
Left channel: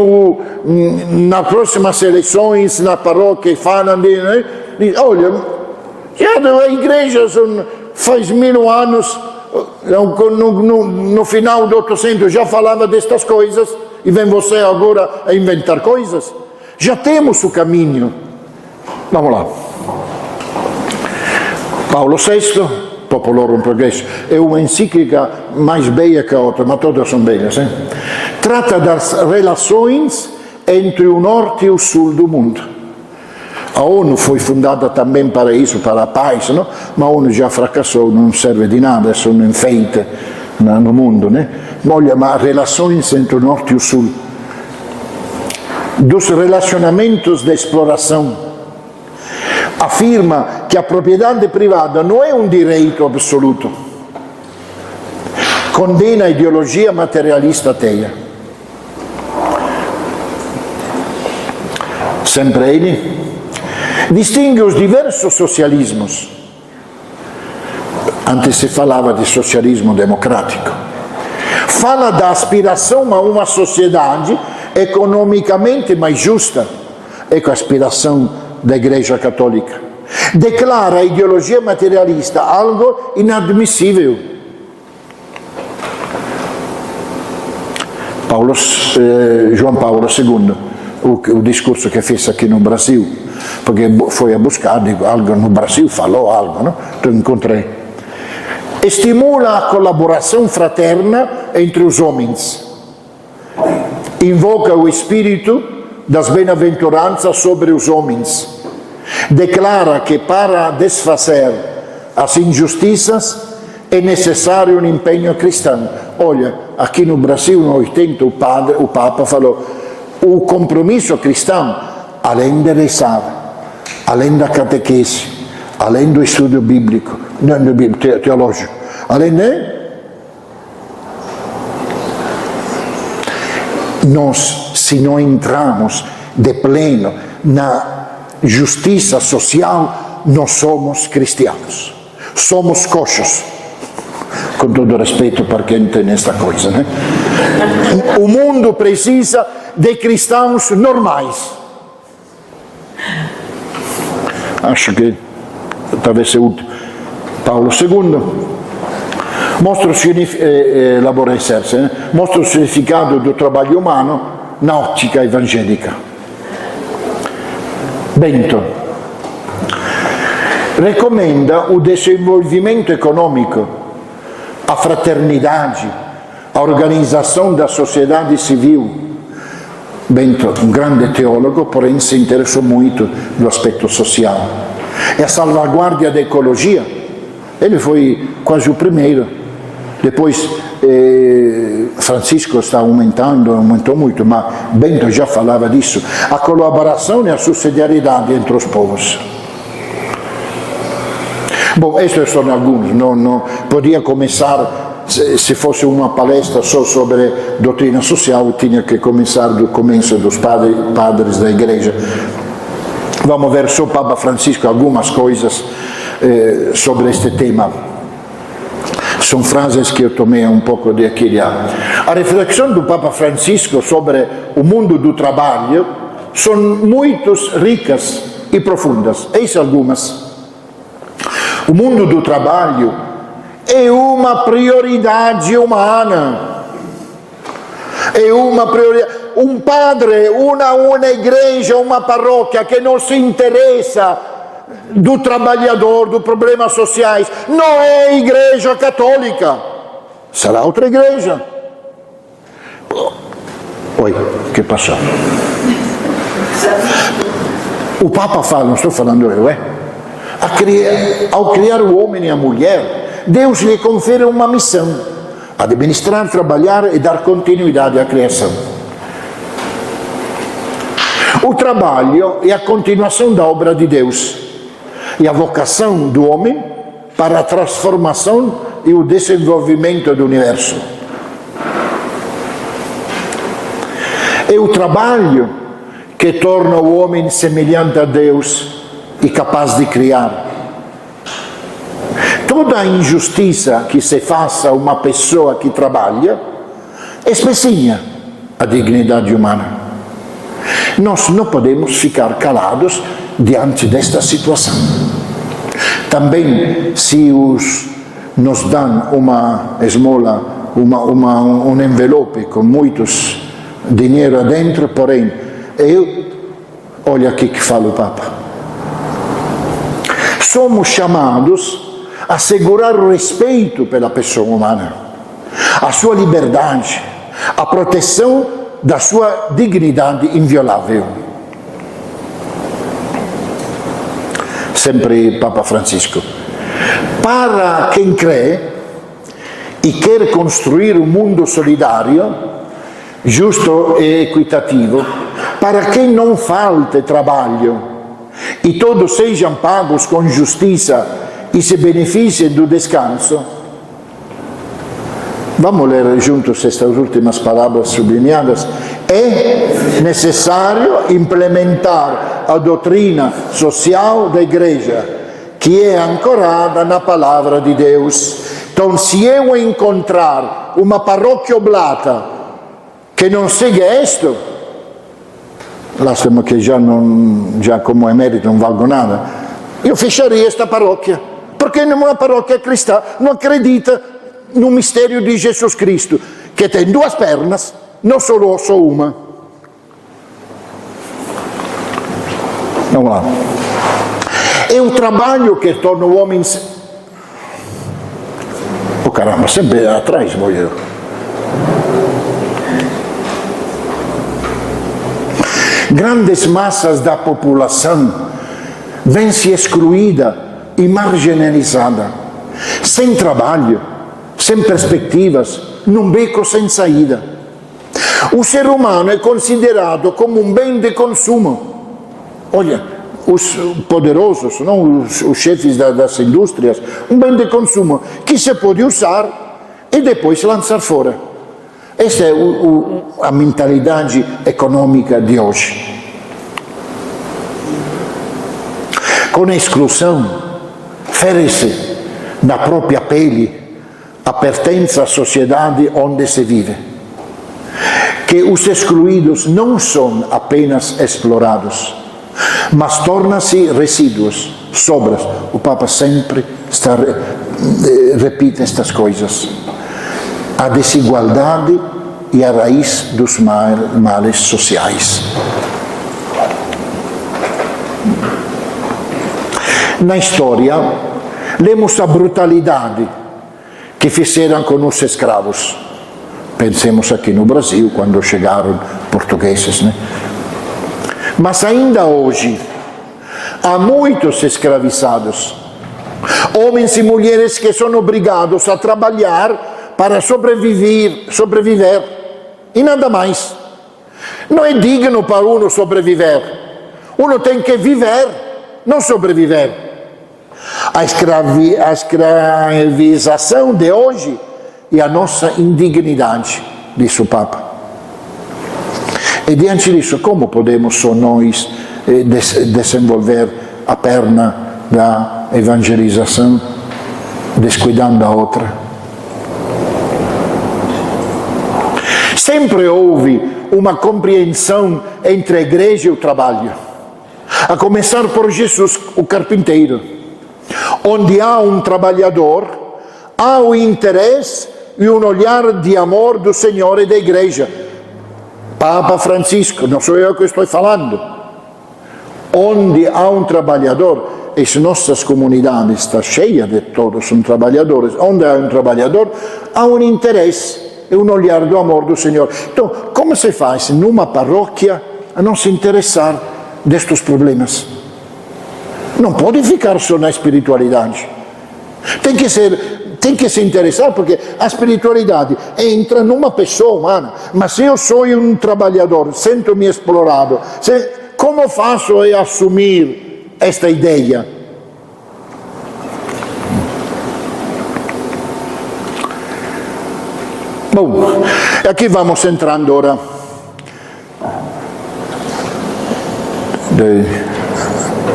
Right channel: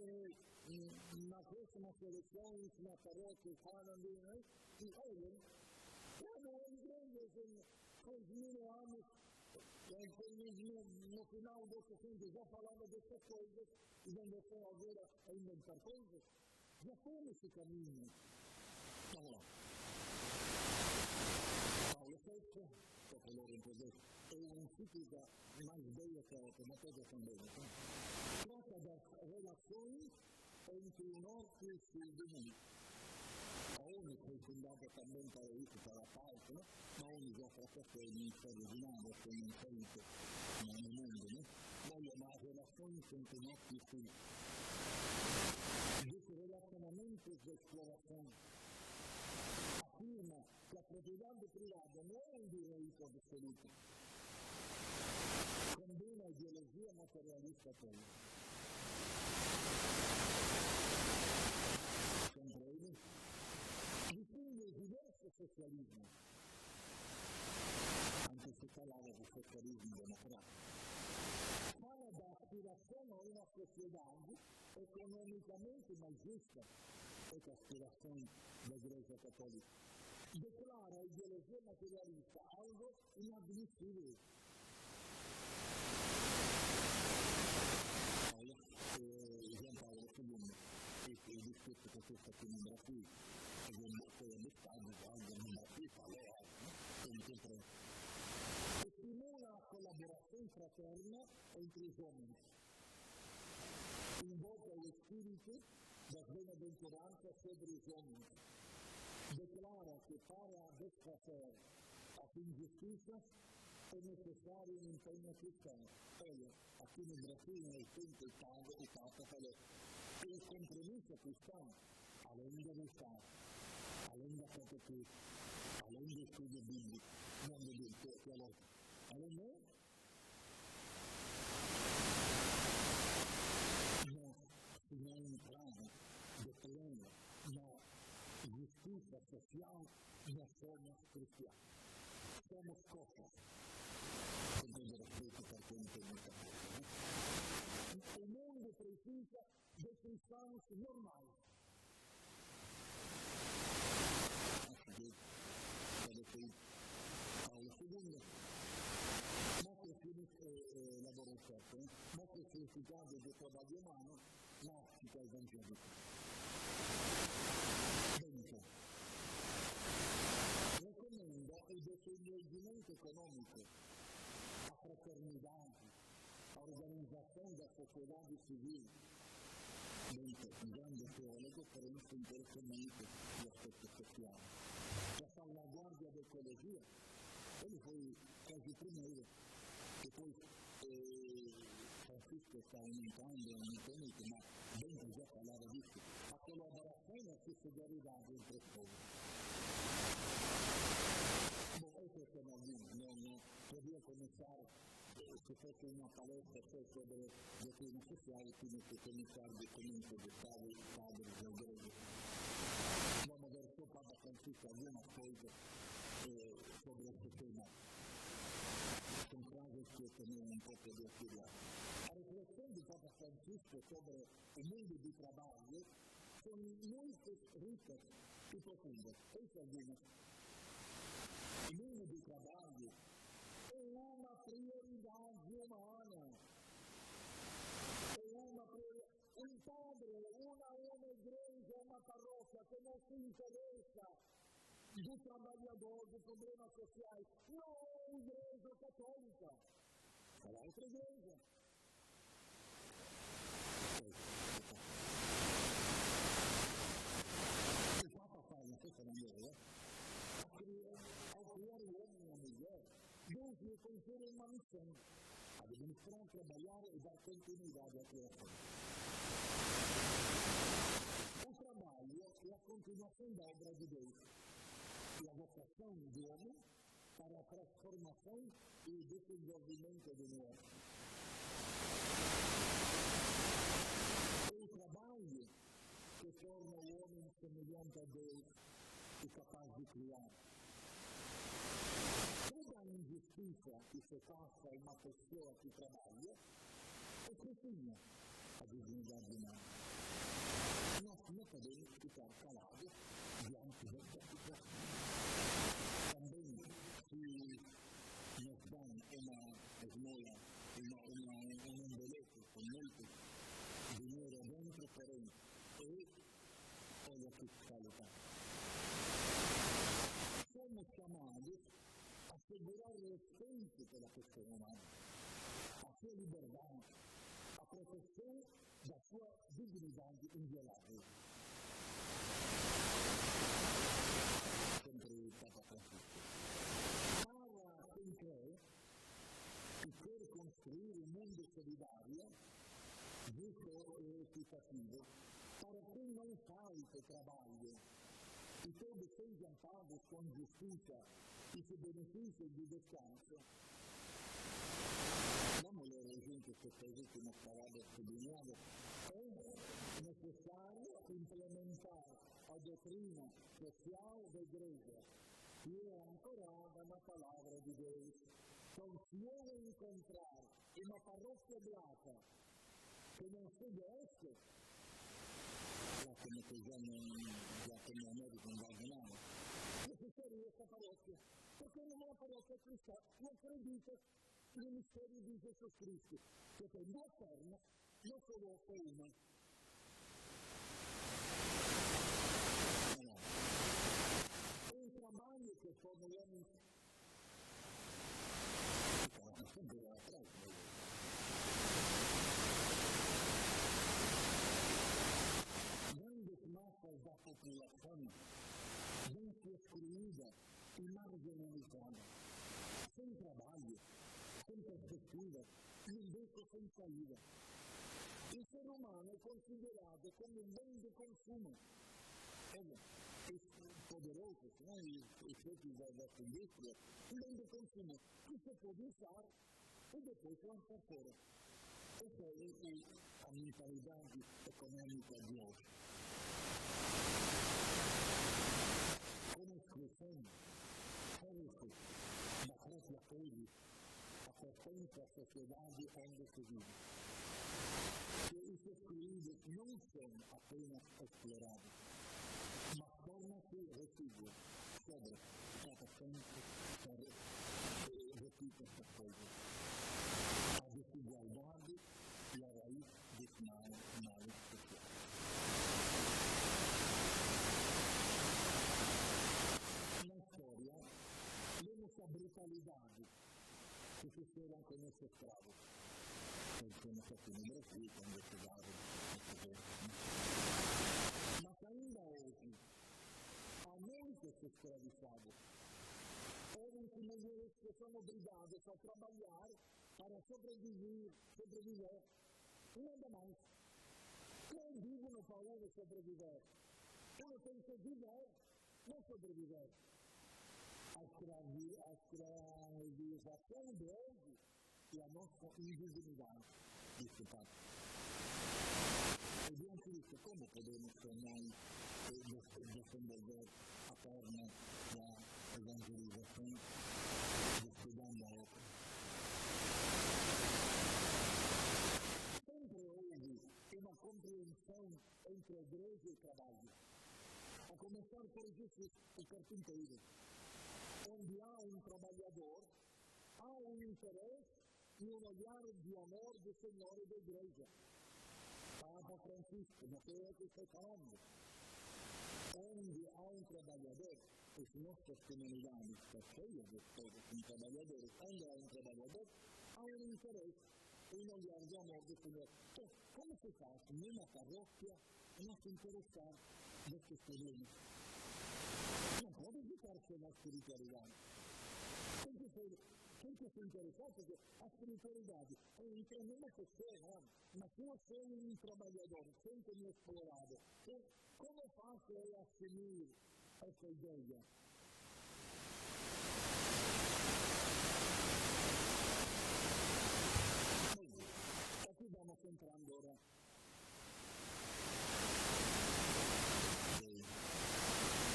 nas próximas eleições, na paróquia, falam olha, já a igreja faz 1000 anos, no final do 800 já falava destas coisas, e vem você agora a inventar coisas. Já temos o caminho. Vamos lá. Paulo VI, Populorum Progresso, é uma encíclica mais bela que a outra, mas todas são belas. Trata das relações entre o norte e o sul do mundo. A ONU foi fundada também para isso, para a paz, não? Mas a ONU já fracassou, não serve de nada, é só um enfeite no mundo. Olha, mas relações entre o norte e o sul. Dos relacionamentos de exploração. Afirma que a propriedade privada não é um direito absoluto. Condena a ideologia materialista ateia. Sempre ele distingue os diversos socialismos. Antes se falava de socialismo democrático. Fala da aspiração a uma sociedade economicamente mais justa. Ecco a aspiração da Igreja Católica. Declara a ideologia materialista algo inadmissível. João Paulo II, o discurso que fez aqui no Brasil, porque foi a buscar algo no Brasil, falou algo, não? Então encontrei. Estimula a colaboração fraterna entre os homens. Invoca o espírito das bem-aventuranças sobre os homens. Declara que para desfazer as injustiças é necessário um empenho cristão. Olha, aqui no Brasil, no 80, o Papa falou: o compromisso cristão, além de rezar, além da catequese, além do estudo bíblico, teológico, além de... Nós, se não entramos de pleno na justiça social, nós somos cristianos. Somos coxos. Com todo respeito para quem tem esta coisa, né? O mundo precisa de cristãos normais. Acho que talvez seja útil. Paulo II mostra o significado do trabalho humano na ótica evangélica. Bento recomenda o desenvolvimento econômico, a fraternidade, a organização da sociedade civil. Bento, um grande teólogo, porém se interessou muito do aspecto social. E a salvaguarda da ecologia, ele foi quase o primeiro. Depois Francisco está aumentou muito, mas Bento já falava disso. A colaboração e a subsidiariedade entre os povos. Bom, estes são alguns, não podia começar, se fosse uma palestra só sobre doutrina social, tinha que começar do começo dos padres da igreja. Vamos ver só Papa Francisco algumas coisas sobre este tema. São frases que eu tomei um pouco de aqui e de lá. A reflexão do Papa Francisco sobre o mundo do trabalho são muito ricas e profundas. Eis algumas. O mundo do trabalho é uma prioridade humana. É uma prioridade. Um padre, uma igreja, uma paróquia que não se interessa do trabalhador, dos problemas sociais, não é a Igreja Católica. Será outra igreja. Oi, que passou? O Papa fala, não estou falando eu, ao criar o homem e a mulher, Deus lhe confere uma missão: administrar, trabalhar e dar continuidade à criação. O trabalho é a continuação da obra de Deus e a vocação do homem para a transformação e o desenvolvimento do universo. É o trabalho que torna o homem semelhante a Deus e capaz de criar. Toda a injustiça que se faça a uma pessoa que trabalha especinha a dignidade humana. Nós não podemos ficar calados diante desta situação. Também, se nos dão uma esmola, um envelope com muitos dinheiro dentro, porém, Olha aqui que fala o Papa. Somos chamados a assegurar o respeito pela pessoa humana, a sua liberdade, a proteção da sua dignidade inviolável. Sempre Papa Francisco. Para quem crê e quer construir um mundo solidário, justo e equitativo, para quem não falte trabalho e todos sejam pagos com justiça e se beneficiem do descanso. Vamos ler juntos estas últimas palavras sublinhadas. É necessário implementar a doutrina social da Igreja, que é ancorada na Palavra de Deus. Então, se eu encontrar uma paróquia oblata que não segue isto, lasciamo che già come emerito non valgo nada, io fecharia esta paróquia, porque numa paróquia cristã não acredita no mistério de Jesus Cristo, que tem duas pernas, não só uma. Vamos lá. É o trabalho que torna o homem... Oh caramba, sempre atrás vou eu. Grandes massas da população vêm-se excluída e marginalizada, sem trabalho, sem perspectivas, num beco sem saída. O ser humano é considerado como um bem de consumo. Olha, os poderosos, não? Os chefes das indústrias, um bem de consumo que se pode usar e depois lançar fora. Esta é a mentalidade econômica de hoje. Com a exclusão, fere-se na própria pele a pertença à sociedade onde se vive. Que os excluídos não são apenas explorados, mas tornam-se resíduos, sobras. O Papa sempre repite estas coisas. A desigualdade e a raiz dos males sociais. Na história, lemos a brutalidade que fizeram com os escravos. Pensemos aqui no Brasil, quando chegaram portugueses, né? Mas ainda hoje, há muitos escravizados, homens e mulheres que são obrigados a trabalhar para sobreviver, e nada mais. Não é digno para uno sobreviver. Uno tem que viver, não sobreviver. A escravização de hoje é a nossa indignidade, disse o Papa. E diante disso, como podemos só nós desenvolver a perna da evangelização, descuidando a outra? Sempre houve uma compreensão entre a igreja e o trabalho, a começar por Jesus, o carpinteiro. Onde há um trabalhador, há o interesse e um olhar de amor do Senhor e da igreja. Papa Francisco, não sou eu que estou falando. Onde há um trabalhador, as nossas comunidades estão cheias de todos são trabalhadores. Onde há um trabalhador, há um interesse e um olhar do amor do Senhor. Então, como se faz numa paróquia a não se interessar destes problemas? Não pode ficar só na espiritualidade. Tem que se interessar, porque a espiritualidade entra numa pessoa humana. Mas se eu sou um trabalhador, sinto-me explorado, como faço a assumir esta ideia? Bom, aqui vamos entrando ora.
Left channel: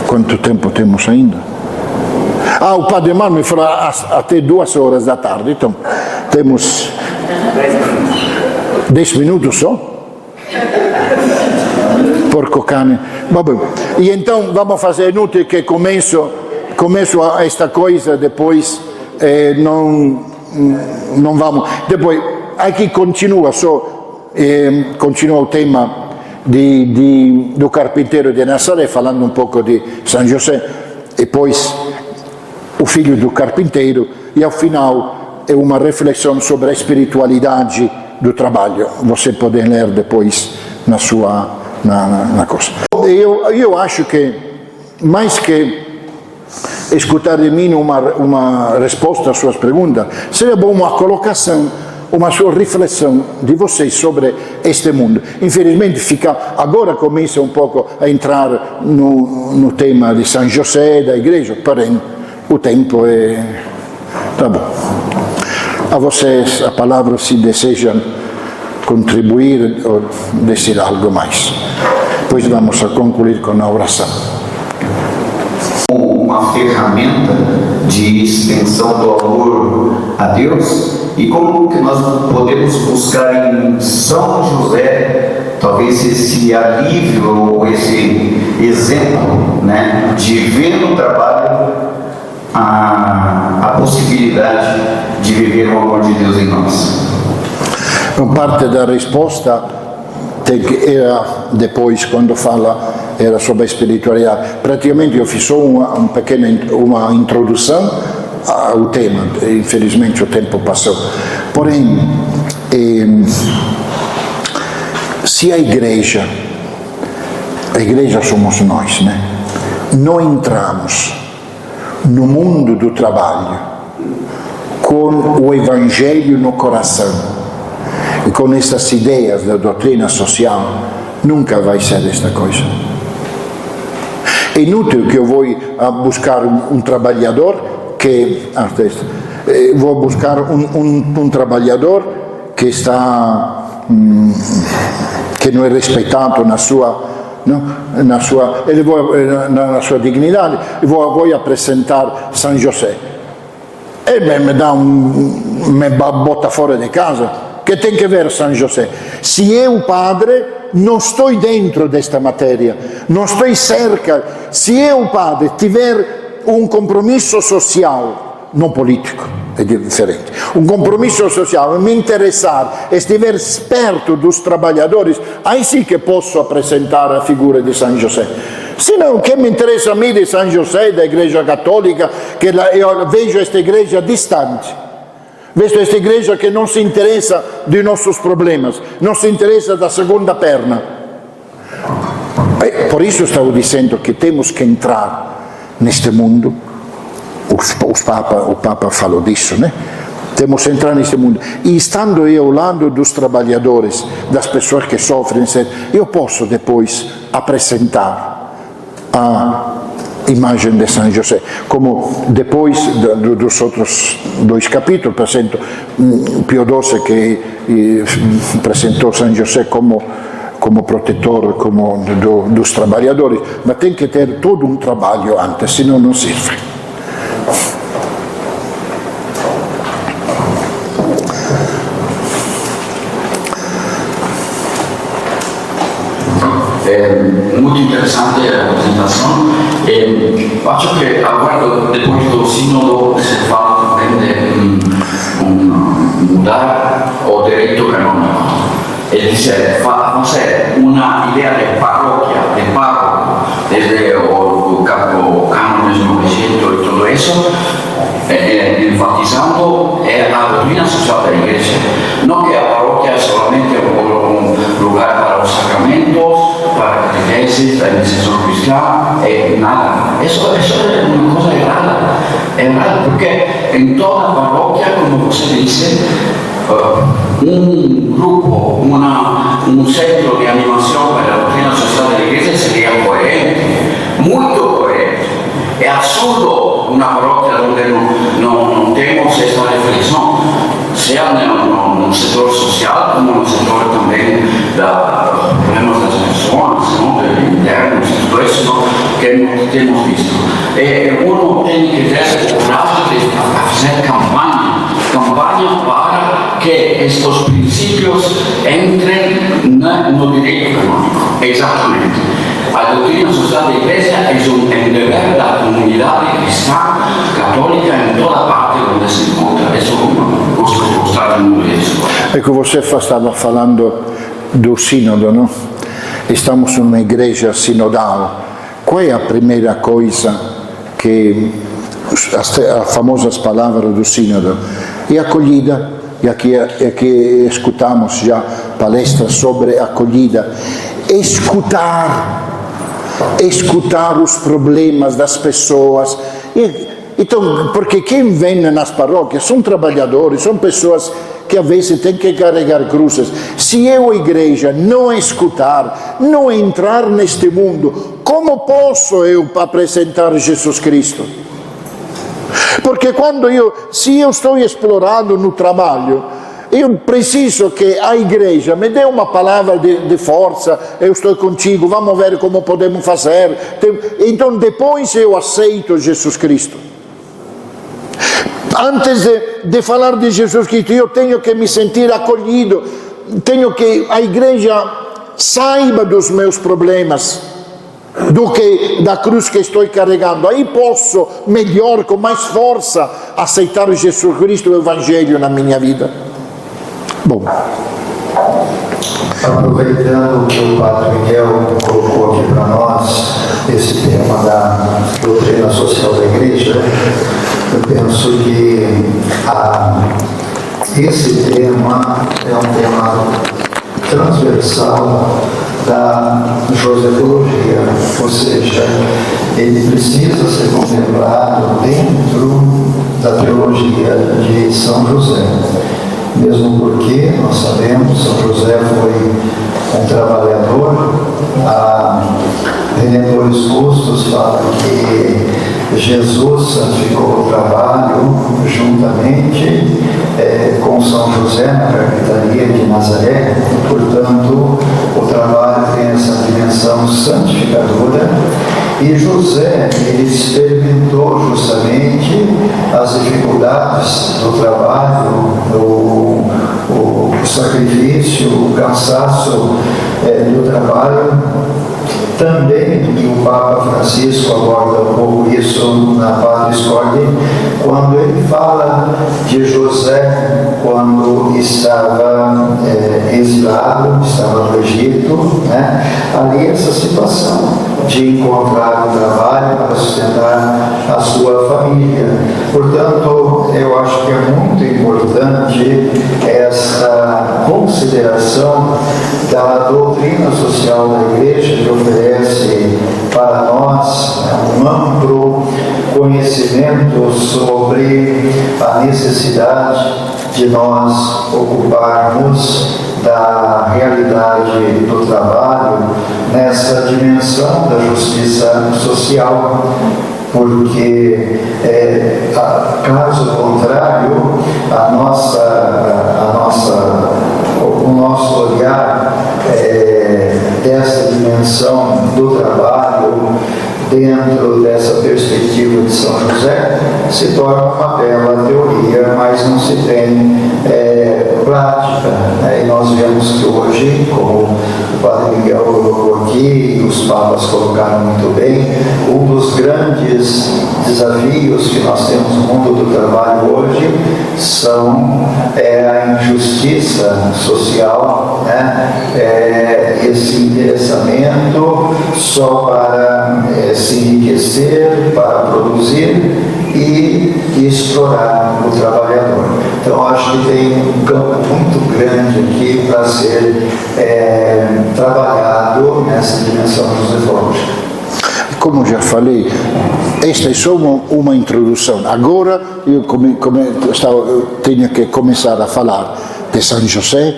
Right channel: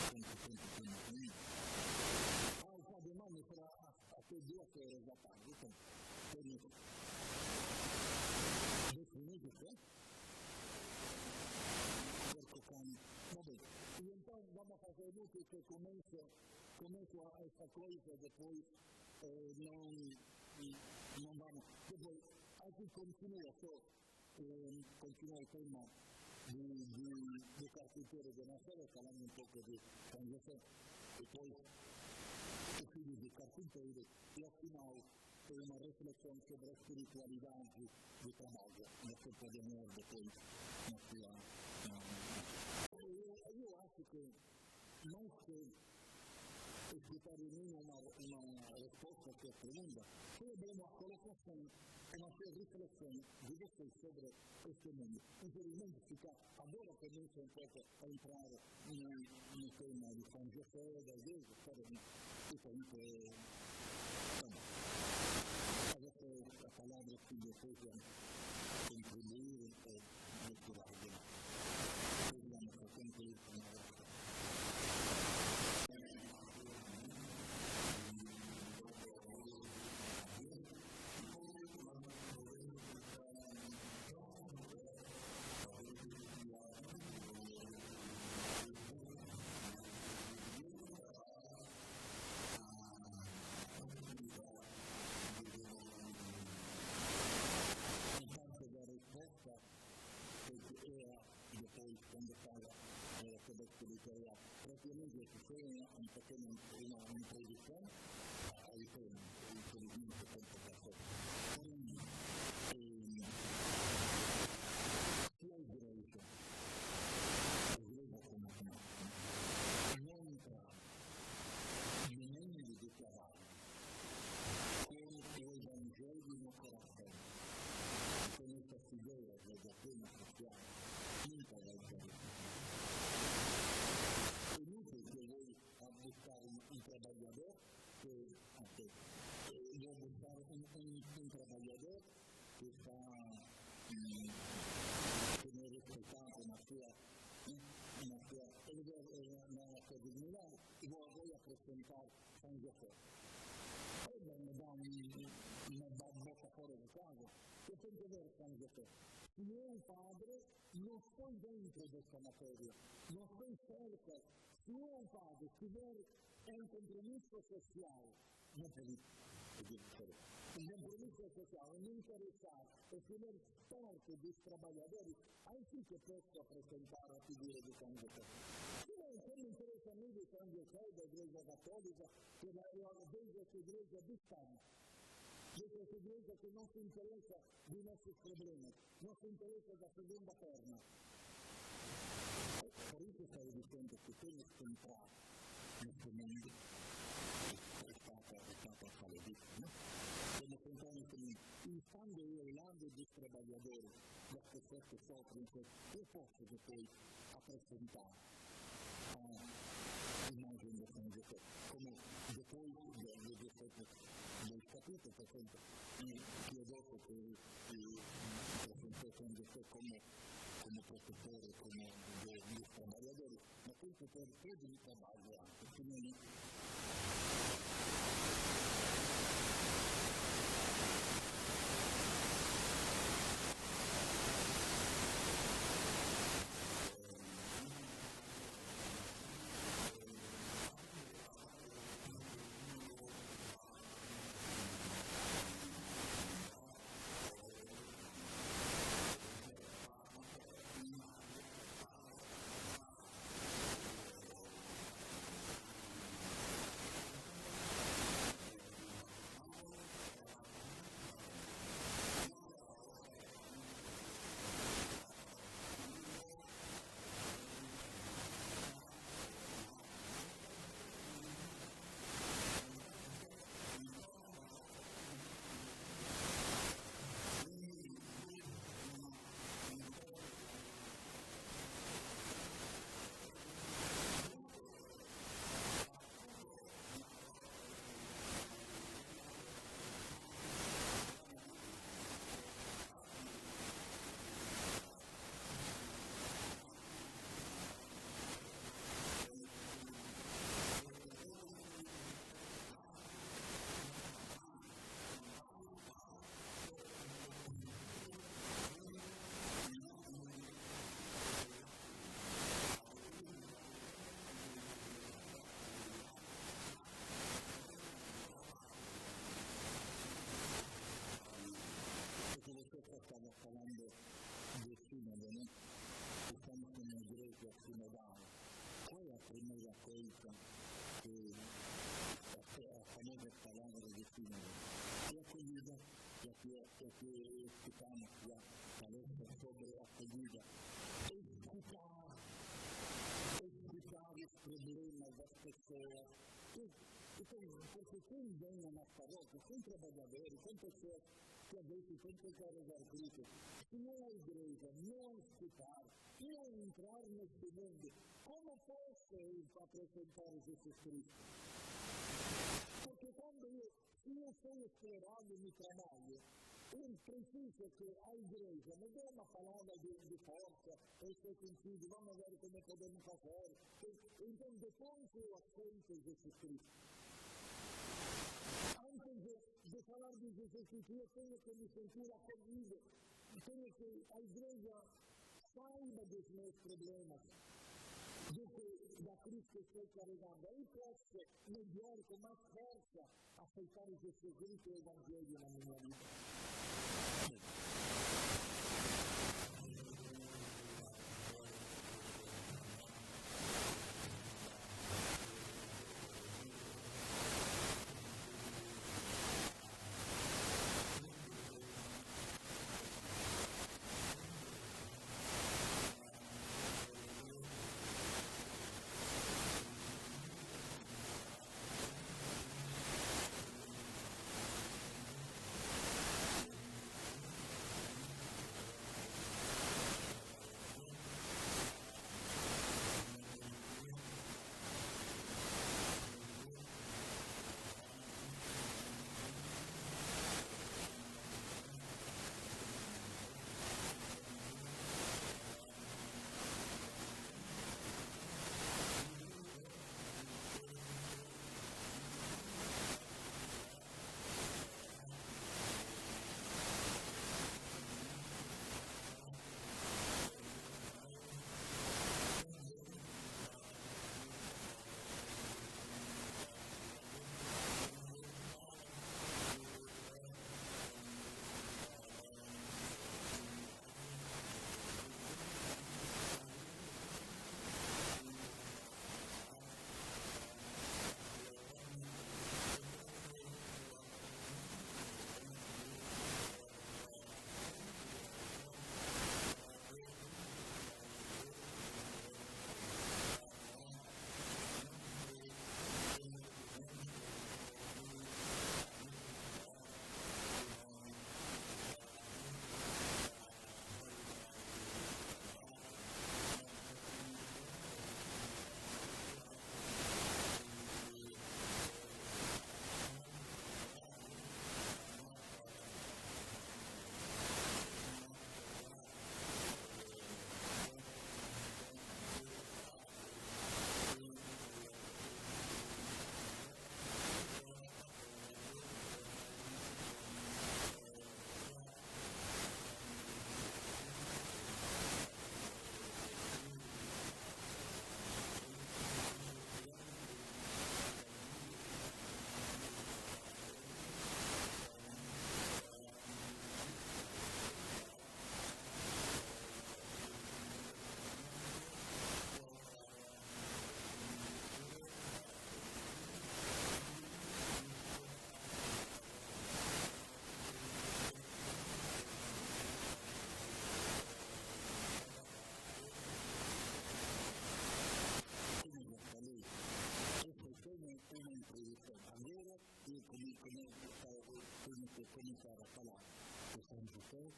Quanto tempo temos ainda? O Padre Mar me falou até 2 horas da tarde, então temos 10 minutos só? Porco cane. Vabbè. E então vamos fazer, inútil que começo esta coisa, depois não vamos. Depois aqui continua o tema do carpinteiro de Nazaré, falando um pouco de São José, e depois o filho do carpinteiro, e ao final é uma reflexão sobre a espiritualidade do trabalho. Você pode ler depois na coisa. Eu acho que, mais que escutar de mim uma resposta às suas perguntas, seria bom uma colocação, uma sua reflexão de vocês sobre este mundo. Infelizmente agora começa um pouco a entrar no tema de São José, da igreja, porém o tempo é... Tá bom. A vocês a palavra, se desejam contribuir ou dizer algo mais. Depois vamos a concluir com a oração. Uma ferramenta de extensão do amor a Deus, e como que nós podemos buscar em São José talvez esse alívio ou esse exemplo, né, de ver no trabalho a possibilidade de viver o amor de Deus em nós. Parte da resposta era depois, quando era sobre a espiritualidade. Praticamente eu fiz só uma introdução ao tema, infelizmente o tempo passou. Porém, se a igreja somos nós, né? Não entramos no mundo do trabalho com o evangelho no coração e com essas ideias da doutrina social, nunca vai ser esta coisa. É inútil que eu vou buscar um trabalhador vou buscar um trabalhador que não é respeitado na sua dignidade, e vou apresentar São José. Ele me bota fora de casa. Que tem que ver São José? Se eu, padre, não estou dentro desta matéria, não estou cerca, se eu, padre, tiver um compromisso social, não político, é diferente, um compromisso social, me interessar, estiver perto dos trabalhadores, aí sim que posso apresentar a figura de São José. Se não, o que me interessa a mim de São José, da Igreja Católica, que eu vejo esta igreja distante, vejo esta igreja que não se interessa de nossos problemas, não se interessa da segunda perna. Por isso estou dizendo que temos que entrar neste mundo. O Papa falou disso, né? Temos que entrar neste mundo. E estando eu ao lado dos trabalhadores, das pessoas que sofrem, eu posso depois apresentar a imagem de São José. Como depois dos outros 2 capítulos, apresento Pio XII, que apresentou São José como protetor dos trabalhadores, mas tem que ter todo um trabalho antes, senão não serve. Muito interessante a apresentação. Acho que agora, depois do sínodo, se fala também de mudar o direito canônico. Ele diz, fazer uma ideia de paróquia, de párroco, desde o cânone de 900 e tudo isso, enfatizando a doutrina social da igreja. Não que a paróquia é solamente um lugar para os sacramentos, para a catequese, para a iniciação cristã, nada. Isso é uma coisa errada. Errada porque em toda paróquia, como você disse, um grupo, um centro de animação para a doutrina social da igreja seria coerente, muito coerente. É absurdo uma paróquia onde não temos esta reflexão, seja no setor social, como no setor também dos problemas das pessoas, internos, tudo isso que temos visto. Uno tem que ter coragem de fazer campanha para que estes princípios entrem no direito canônico. Exatamente. A doutrina social da igreja é um dever da comunidade cristã católica em toda parte onde se encontra. Isso eu gosto de mostrar muito isso. Ecco, você estava falando do sínodo, não? estamos numa igreja sinodal, qual é a primeira coisa que, as famosas palavras do sínodo, é acolhida, e aqui escutamos já palestras sobre acolhida, escutar os problemas das pessoas. Então, porque quem vem nas paróquias são trabalhadores, são pessoas que às vezes têm que carregar cruzes. Se eu, a igreja, não escutar, não entrar neste mundo, como posso eu apresentar Jesus Cristo? Porque se eu estou explorando no trabalho, eu preciso que a igreja me dê uma palavra de força, eu estou contigo, vamos ver como podemos fazer. Então depois eu aceito Jesus Cristo. Antes de falar de Jesus Cristo, eu tenho que me sentir acolhido, tenho que a igreja saiba dos meus problemas, do que da cruz que estou carregando. Aí posso melhor, com mais força, aceitar Jesus Cristo e o Evangelho na minha vida. Bom, aproveitando que o Padre Miguel colocou aqui para nós esse tema da doutrina social da igreja, eu penso que esse tema é um tema transversal da josefologia, ou seja, ele precisa ser contemplado dentro da teologia de São José. Mesmo porque, nós sabemos, São José foi um trabalhador. Redentores Custos fala que Jesus santificou o trabalho juntamente com São José na carpintaria de Nazaré. Portanto, o trabalho tem essa dimensão santificadora. E José, ele experimentou justamente as dificuldades do trabalho, o sacrifício, o cansaço do trabalho. Também, e o Papa Francisco aborda um pouco isso na Patris Corde, quando ele fala de José quando estava exilado, estava no Egito, né? Ali essa situação de encontrar um trabalho para sustentar a sua família. Portanto, eu acho que é muito importante essa consideração da doutrina social da Igreja, que oferece para nós um amplo conhecimento sobre a necessidade de nós ocuparmos da realidade do trabalho nessa dimensão da justiça social, porque caso contrário, o nosso olhar dessa dimensão do trabalho dentro dessa perspectiva de São José se torna uma bela teoria, mas não se tem prática, né? E nós vemos que hoje, como o Padre Miguel colocou aqui, e os papas colocaram muito bem, um dos grandes desafios que nós temos no mundo do trabalho hoje são a injustiça social, né? Esse interessamento só para se enriquecer, para produzir e explorar o trabalhador. Então, acho que tem um campo muito grande aqui para ser trabalhado nessa dimensão josefológica. Como já falei, esta é só uma introdução. Agora, eu tenho que começar a falar de São José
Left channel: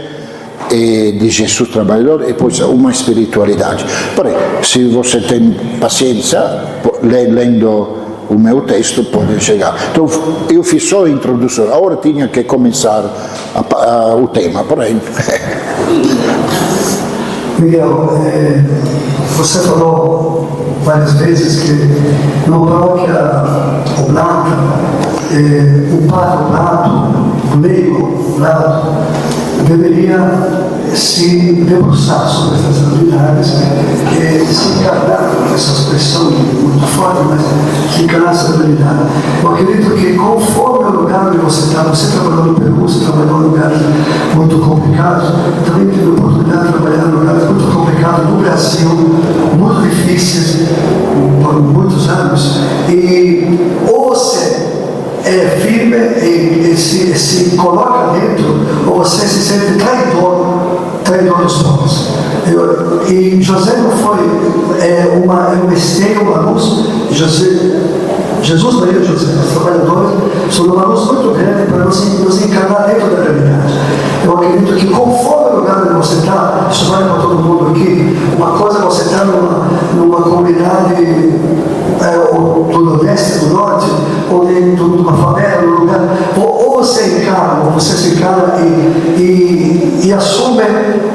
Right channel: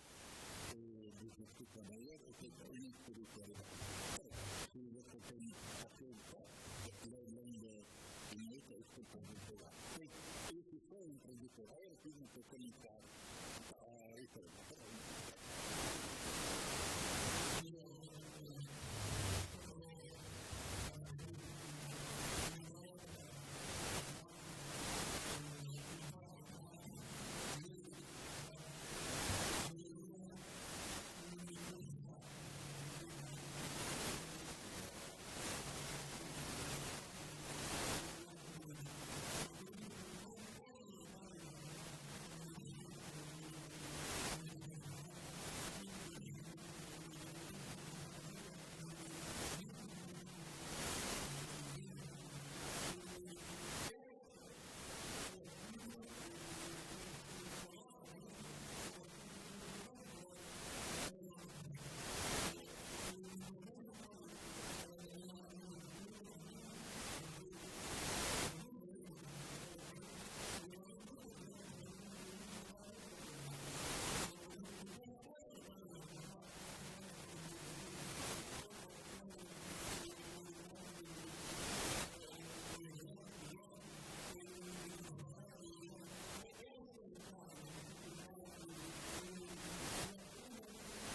e de Jesus trabalhador e depois uma espiritualidade. Porém, se você tem paciência, lendo o meu texto, pode chegar. Então, eu fiz só a introdução, agora tinha que começar o tema, porém. Miguel, você falou várias vezes que na paróquia oblata, o padre oblado, o leigo oblado, deveria se debruçar sobre essas realidades, se encarnar com essa expressão muito forte, mas se encarnar essa realidade. Eu acredito que conforme o lugar onde você está, você trabalhou no Peru, você trabalhou em lugares muito complicados, também teve a oportunidade de trabalhar em lugares muito complicados no Brasil. se coloca dentro, ou você se sente traidor dos povos. E José não foi uma esteira, uma luz. Jesus, Maria e José, os trabalhadores, são uma luz muito grande para nos encarnar dentro da realidade. Eu acredito que conforme o lugar onde você está, isso vale para todo mundo aqui, uma coisa você está numa comunidade do Nordeste, do Norte, ou dentro de uma favela, num lugar, ou você encarna, ou você se encarna e assume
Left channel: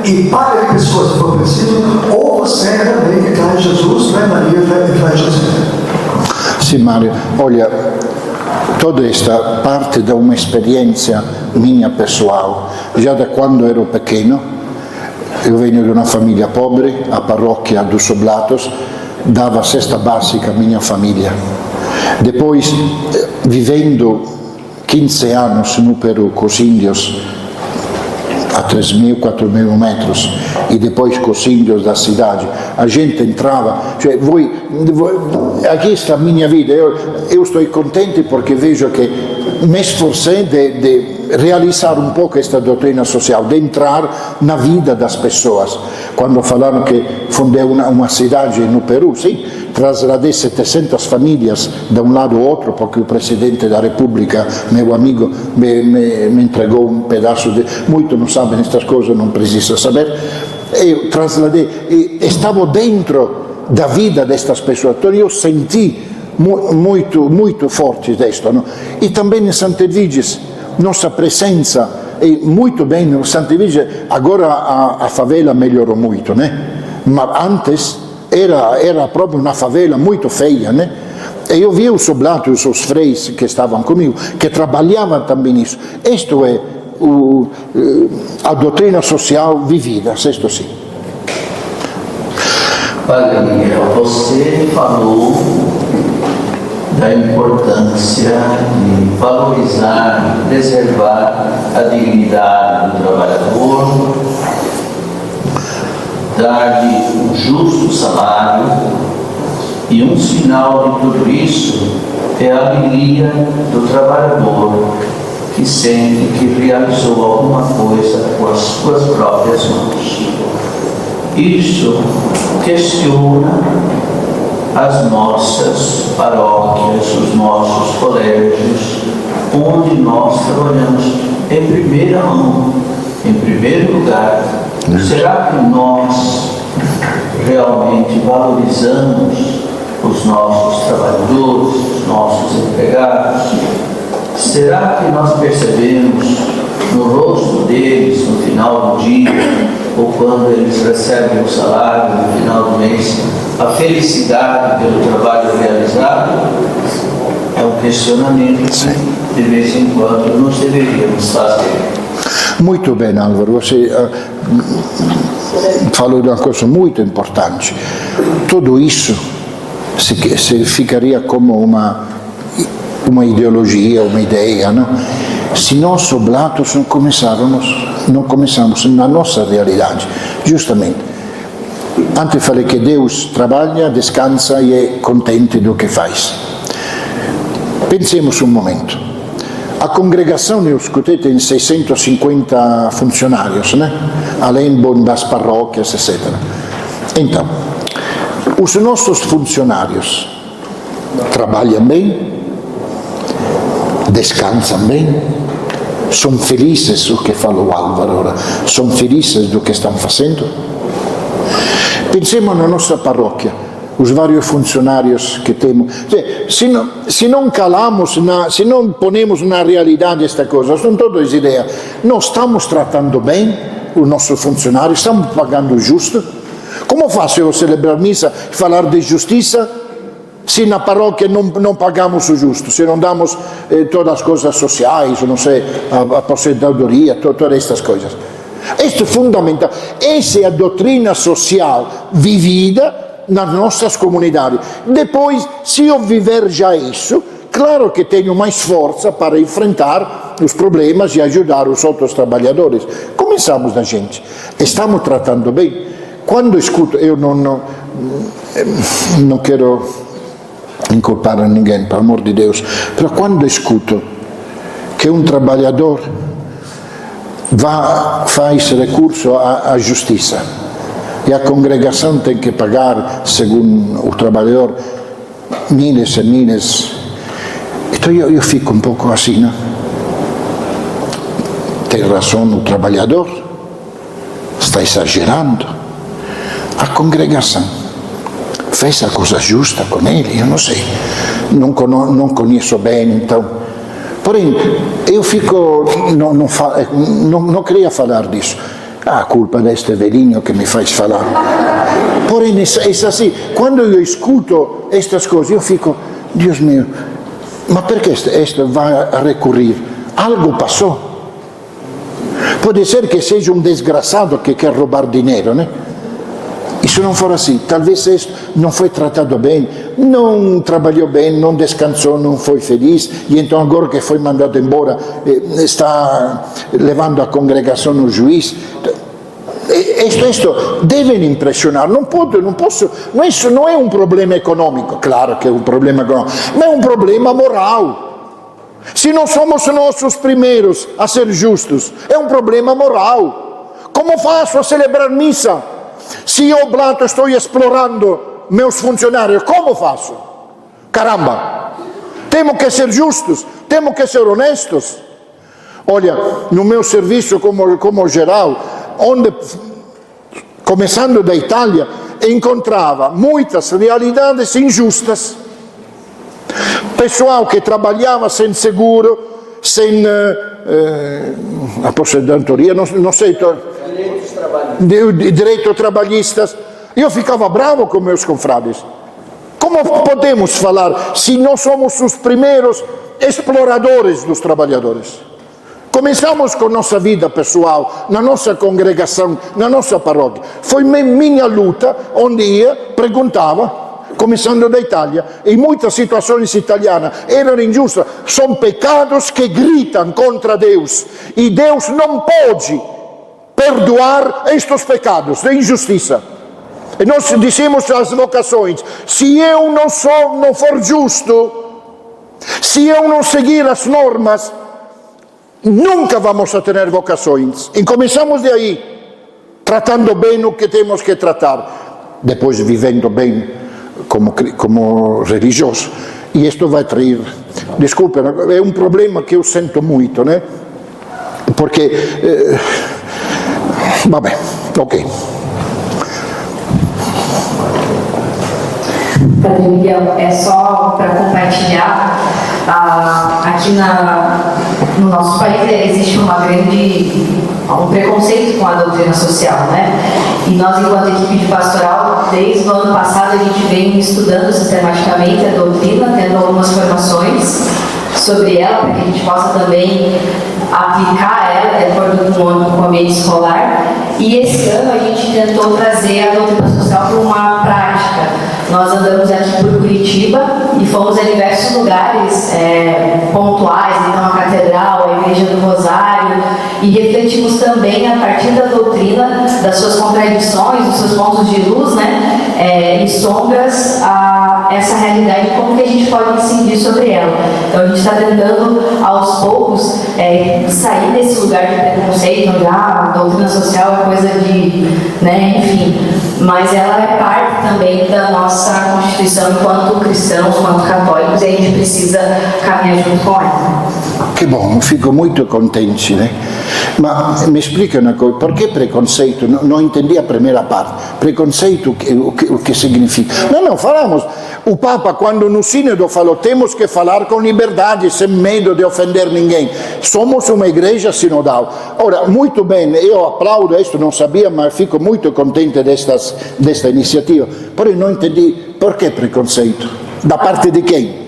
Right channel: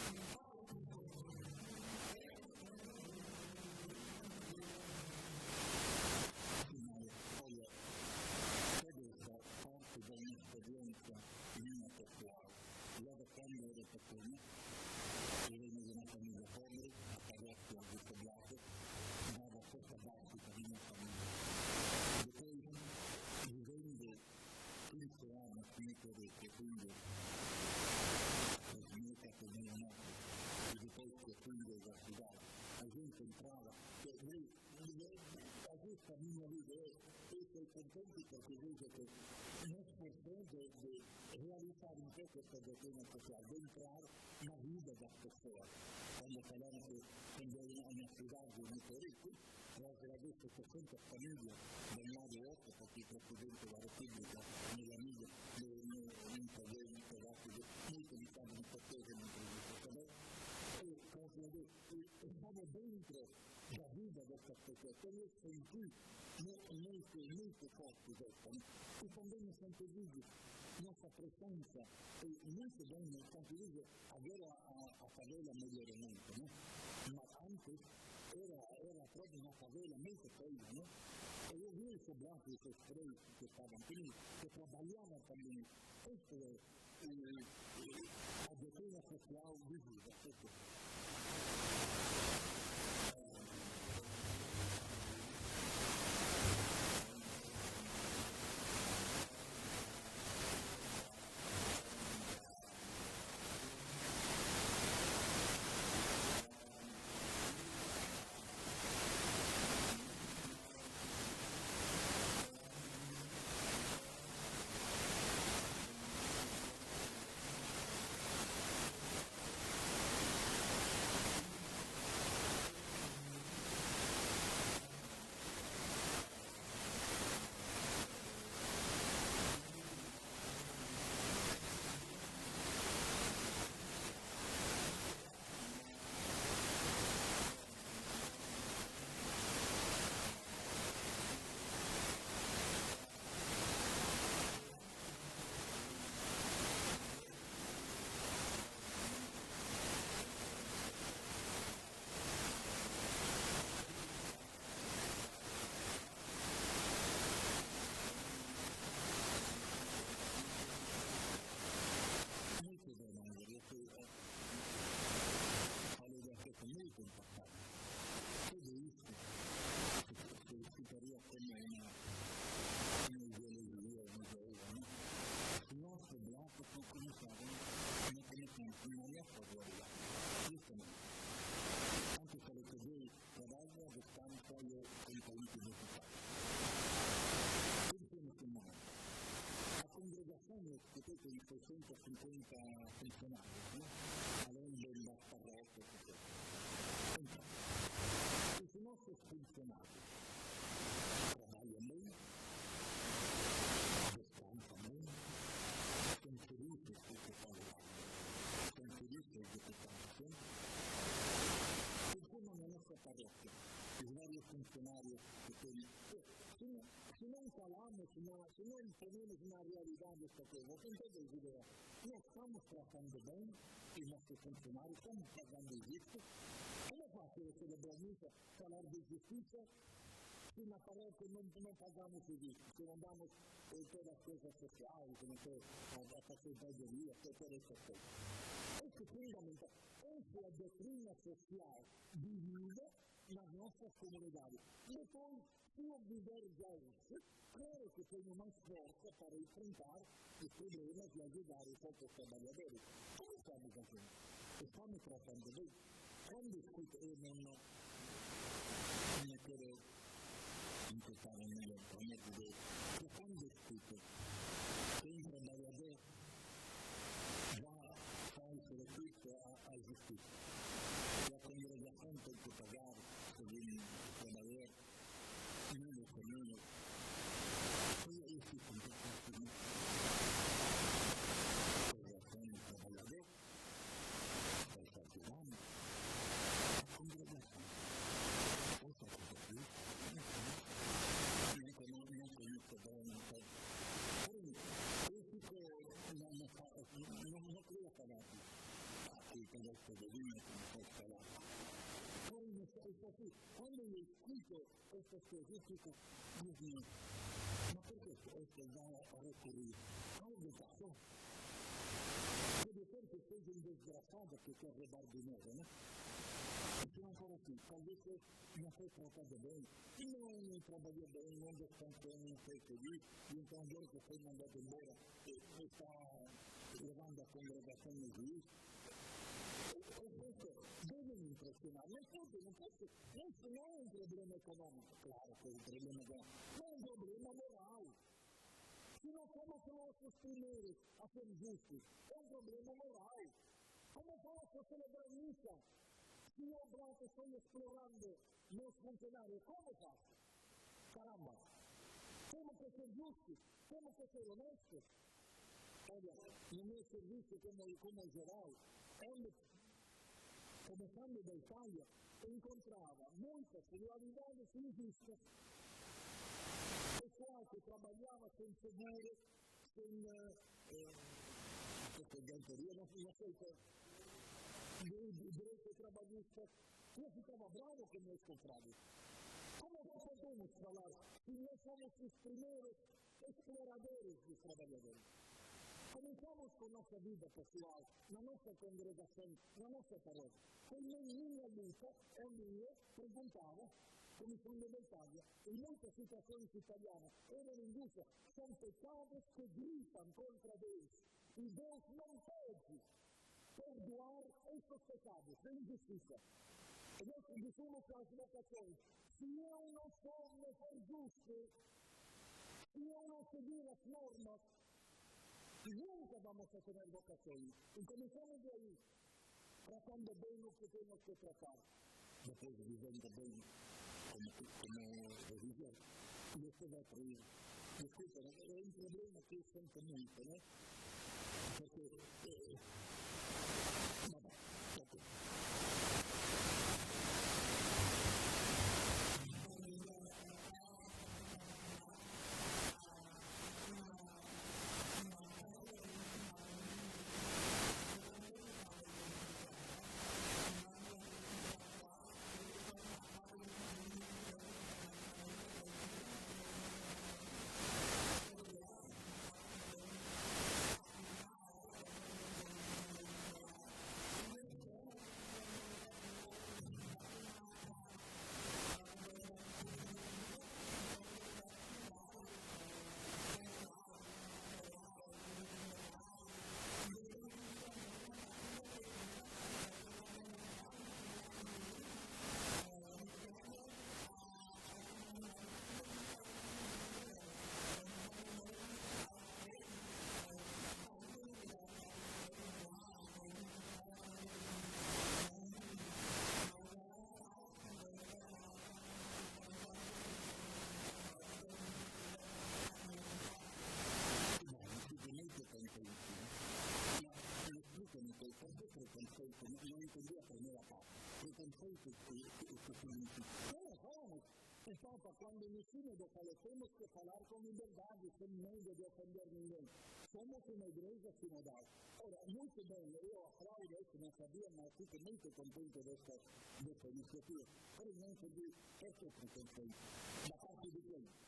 e paga de pessoas se for preciso, ou você realmente traz Jesus, né, Maria, e traz José. Sì, Mario, olha, toda esta parte da uma experiência minha pessoal, já da quando ero pequeno. Eu venho de uma família pobre, a paróquia dos Oblatos dava a cesta básica à minha família. Depois, vivendo 15 anos no Peru com os índios a 3.000, 4.000 metros e depois com os índios da cidade, a gente entrava, cioè aqui está a minha vida, eu estou contente porque vejo que me esforcei de realizar um pouco esta doutrina social, de entrar na vida das pessoas. Quando falaram que fundei uma cidade no Peru, sim, trasladei 700 famílias de um lado ao outro, porque o presidente da República, meu amigo, me entregou um pedaço de... Muito não sabem estas coisas, não precisa saber. Eu trasladei, e estava dentro da vida destas pessoas, então eu senti muito forte disto. Não? E também em Santa Edviges, nossa presença é muito bem no Santa Edviges. Agora a favela melhorou muito, né? Mas antes era proprio una favela molto feia, né? E eu vi os oblatos, os freis que estavam comigo, que trabalhavam também nisso. Isto é a doutrina social vivida, isto sim. Padre Miguel, você falou da importância de valorizar, preservar a dignidade do trabalhador, dar-lhe um justo salário, e um sinal de tudo isso é a alegria do trabalhador que sente que realizou alguma coisa com as suas próprias mãos. Isso questiona as nossas paróquias, os nossos colégios, onde nós trabalhamos em primeira mão, em primeiro lugar. Será que nós realmente valorizamos os nossos trabalhadores, os nossos empregados? Será que nós percebemos no rosto deles, no final do dia, ou quando eles recebem o salário no final do mês, a felicidade pelo trabalho realizado? É um questionamento que, de vez em quando, nós deveríamos fazer. Muito bem, Álvaro, você falou de uma coisa muito importante. Tudo isso se ficaria como uma ideologia, uma ideia, não? Se nós oblatos não começamos na nossa realidade, justamente. Antes falei que Deus trabalha, descansa e é contente do que faz. Pensemos um momento. A congregação, eu escutei, tem 650 funcionários, né? Além das paróquias, etc. Então, os nossos funcionários trabalham bem, descansam bem, são felizes, o que falou o Álvaro ora, são felizes do que estão fazendo. Pensemos na nossa paróquia, os vários funcionários que temos. Se não calamos, se não ponemos na realidade esta coisa, são todas ideias. Nós estamos tratando bem os nossos funcionários, estamos pagando justo. Como faço eu celebrar missa e falar de justiça se na paróquia não pagamos o justo, se não damos todas as coisas sociais, não sei, a aposentadoria, todas estas coisas? Isto é fundamental. Essa é a doutrina social vivida nas nossas comunidades. Depois, se eu viver já isso, claro que tenho mais força para enfrentar os problemas e ajudar os outros trabalhadores. Começamos da gente. Estamos tratando bem. Quando escuto, eu não quero inculpar a ninguém, pelo amor de Deus, mas quando escuto que um trabalhador faz recurso à justiça e a congregação tem que pagar, segundo o trabalhador, miles e miles. Então eu fico um pouco assim, não? Tem razão o trabalhador, está exagerando. A congregação fez a coisa justa com ele, eu não sei, não conheço bem, então. Porém, eu fico, não queria falar disso. A culpa deste velhinho que me faz falar. Porém, é assim, quando eu escuto estas coisas, eu fico, Deus meu, mas por que este vai recorrer? Algo passou. Pode ser que seja um desgraçado que quer roubar dinheiro, né? E se não for assim, talvez este não foi tratado bem, não trabalhou bem, não descansou, não foi feliz, e então agora que foi mandado embora, está levando a congregação no juiz. Isto deve impressionar, não posso, isso não é um problema econômico, claro que é um problema econômico, mas é um problema moral. Se não somos nós os primeiros a ser justos, é um problema moral. Como faço a celebrar missa se eu, Blato, estou explorando meus funcionários? Como faço? Caramba! Temos que ser justos, temos que ser honestos. Olha, no meu serviço como geral, onde, começando da Itália, encontrava muitas realidades injustas. Pessoal que trabalhava sem seguro, sem aposentadoria, não sei, direitos trabalhistas. Eu ficava bravo com meus confrades. Como podemos falar se nós somos os primeiros exploradores dos trabalhadores? Começamos com nossa vida pessoal, na nossa congregação, na nossa paróquia. Foi minha luta, onde ia, perguntava, começando da Itália, em muitas situações italianas eram injustas, são pecados que gritam contra Deus, e Deus não pode perdoar estes pecados de injustiça. E nós dissemos às vocações, se eu não for justo, se eu não seguir as normas, nunca vamos a ter vocações. E começamos de aí, tratando bem o que temos que tratar, depois vivendo bem como religioso. E isto vai trair, desculpe, é um problema que eu sinto muito, né? Porque, vabbè, ok. Padre Miguel, é só para compartilhar, aqui no nosso país existe um preconceito com a doutrina social, né? E nós, enquanto equipe de pastoral, desde o ano passado a gente vem estudando sistematicamente a doutrina, tendo algumas formações sobre ela, para que a gente possa também aplicar ela de acordo com o ambiente escolar. E esse ano a gente tentou trazer a doutrina social para uma prática. Nós andamos aqui por Curitiba e fomos a diversos lugares pontuais, então a Catedral, a Igreja do Rosário, e refletimos também a partir da doutrina, das suas contradições, dos seus pontos de luz, né, e sombras, essa realidade, como que a gente pode incidir sobre ela. Então a gente está tentando, aos poucos, sair desse lugar de preconceito, onde a doutrina social é coisa de, né, enfim, mas ela é parte também da nossa Constituição enquanto cristãos, enquanto católicos, e a gente precisa caminhar junto com ela. Que bom, fico muito contente, né? Mas me explica uma coisa, por que preconceito? Não entendi a primeira parte. Preconceito, o que significa? Não, falamos. O Papa, quando no sínodo falou, temos que falar com liberdade, sem medo de ofender ninguém. Somos uma igreja sinodal. Ora, muito bem, eu aplaudo isto, não sabia, mas fico muito contente desta iniciativa. Porém, não entendi por que preconceito. Da parte de quem?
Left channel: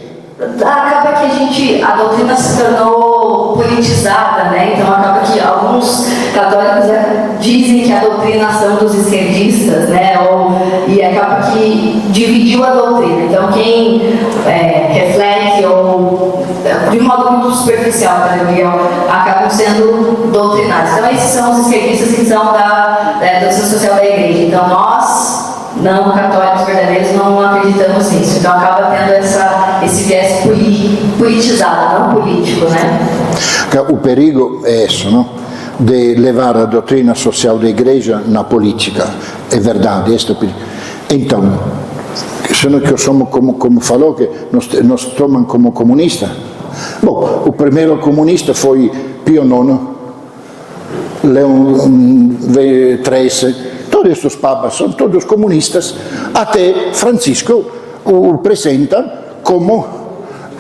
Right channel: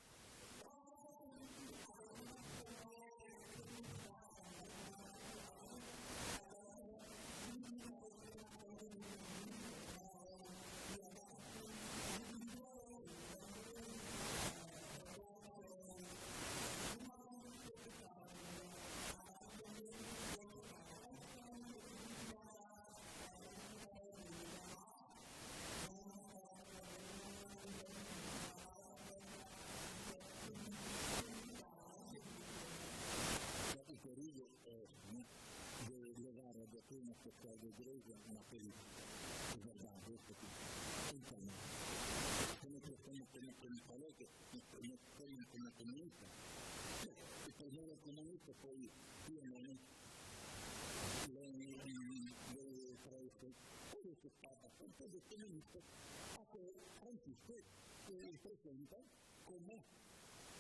Acaba que a doutrina se tornou politizada, né? Então acaba que alguns católicos dizem que a doutrina são dos esquerdistas, né? E acaba que dividiu a doutrina. Então quem reflete ou de modo muito superficial, Padre Miguel, acabam sendo doutrinados. Então esses são os esquerdistas que são da doutrina social da igreja. Então nós, não católicos verdadeiros, não acreditamos nisso. Então acaba tendo esse viés politizado, não político, né? O perigo é isso, não? De levar a doutrina social da igreja na política. É verdade, este é o perigo. Então, sendo que somos, como falou, que nos tomam como comunista. Bom, o primeiro comunista foi Pio IX, Leão XIII, todos estes papas são todos comunistas, até Francisco o apresenta como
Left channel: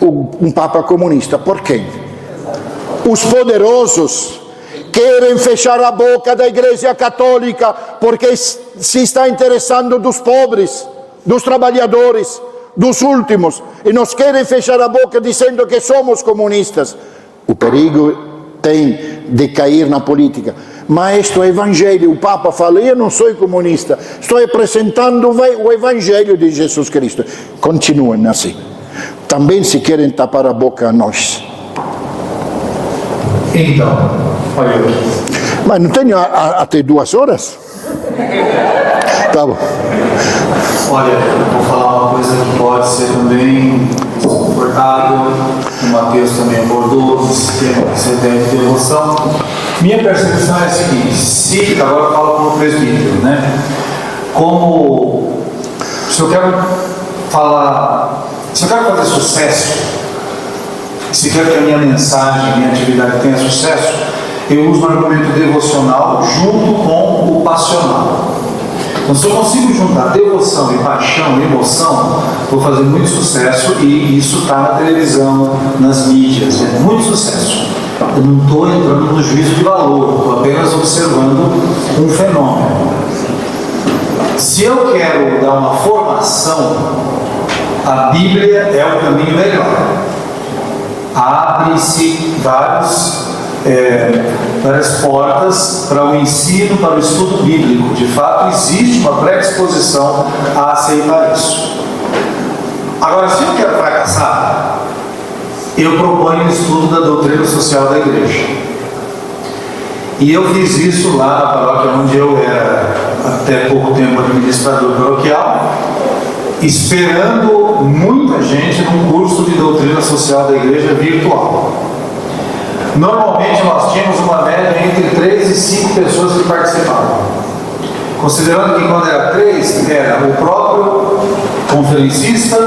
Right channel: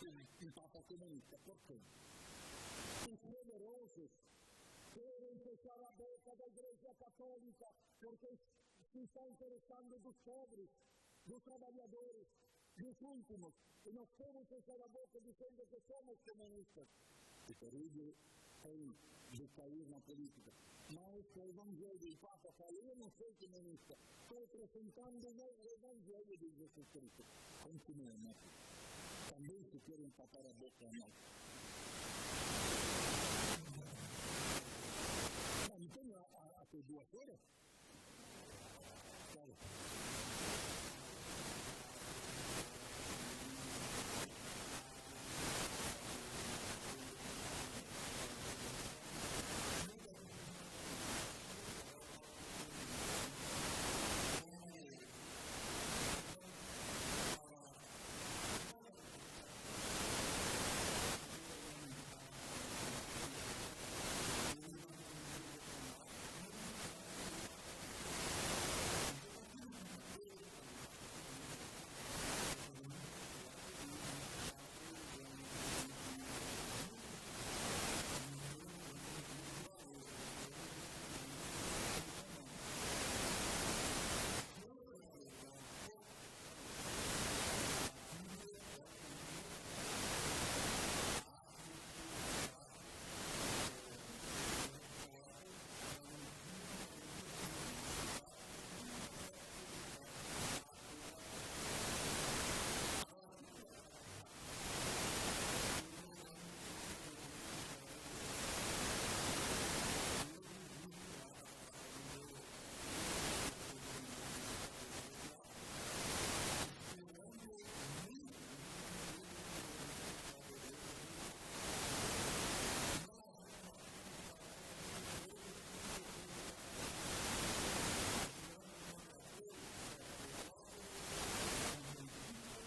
um papa comunista. Por quê? Os poderosos querem fechar a boca da Igreja Católica porque se está interessando dos pobres, dos trabalhadores, dos últimos, e nos querem fechar a boca dizendo que somos comunistas. O perigo tem de cair na política. Mas isto é evangelho. O Papa fala: eu não sou comunista, estou apresentando o evangelho de Jesus Cristo. Continuem assim. Também se querem tapar a boca a nós. Então, olha aqui. Mas não tenho até 2 horas? Tá bom. Olha, vou falar uma coisa que pode ser também desconfortável. O Mateus também abordou esse tema que você deve ter devoção. Minha percepção é a seguinte: se, agora eu falo como presbítero, né? Como, se eu quero fazer sucesso, se quero que a minha mensagem, a minha atividade tenha sucesso, eu uso um argumento devocional junto com o passional. Então, se eu consigo juntar devoção e paixão e emoção, vou fazer muito sucesso, e isso está na televisão, nas mídias, é muito sucesso. Eu não estou entrando no juízo de valor, estou apenas observando um fenômeno. Se eu quero dar uma formação, a Bíblia é o caminho melhor. Abre-se várias portas para o ensino, para o estudo bíblico. De fato, existe uma predisposição a aceitar isso. Agora, se eu quero fracassar, eu proponho o estudo da doutrina social da igreja. E eu fiz isso lá na paróquia onde eu era até pouco tempo administrador paroquial, esperando muita gente num curso de doutrina social da igreja virtual. Normalmente nós tínhamos uma média entre 3 e 5 pessoas que participavam. Considerando que quando era 3, era o próprio conferencista,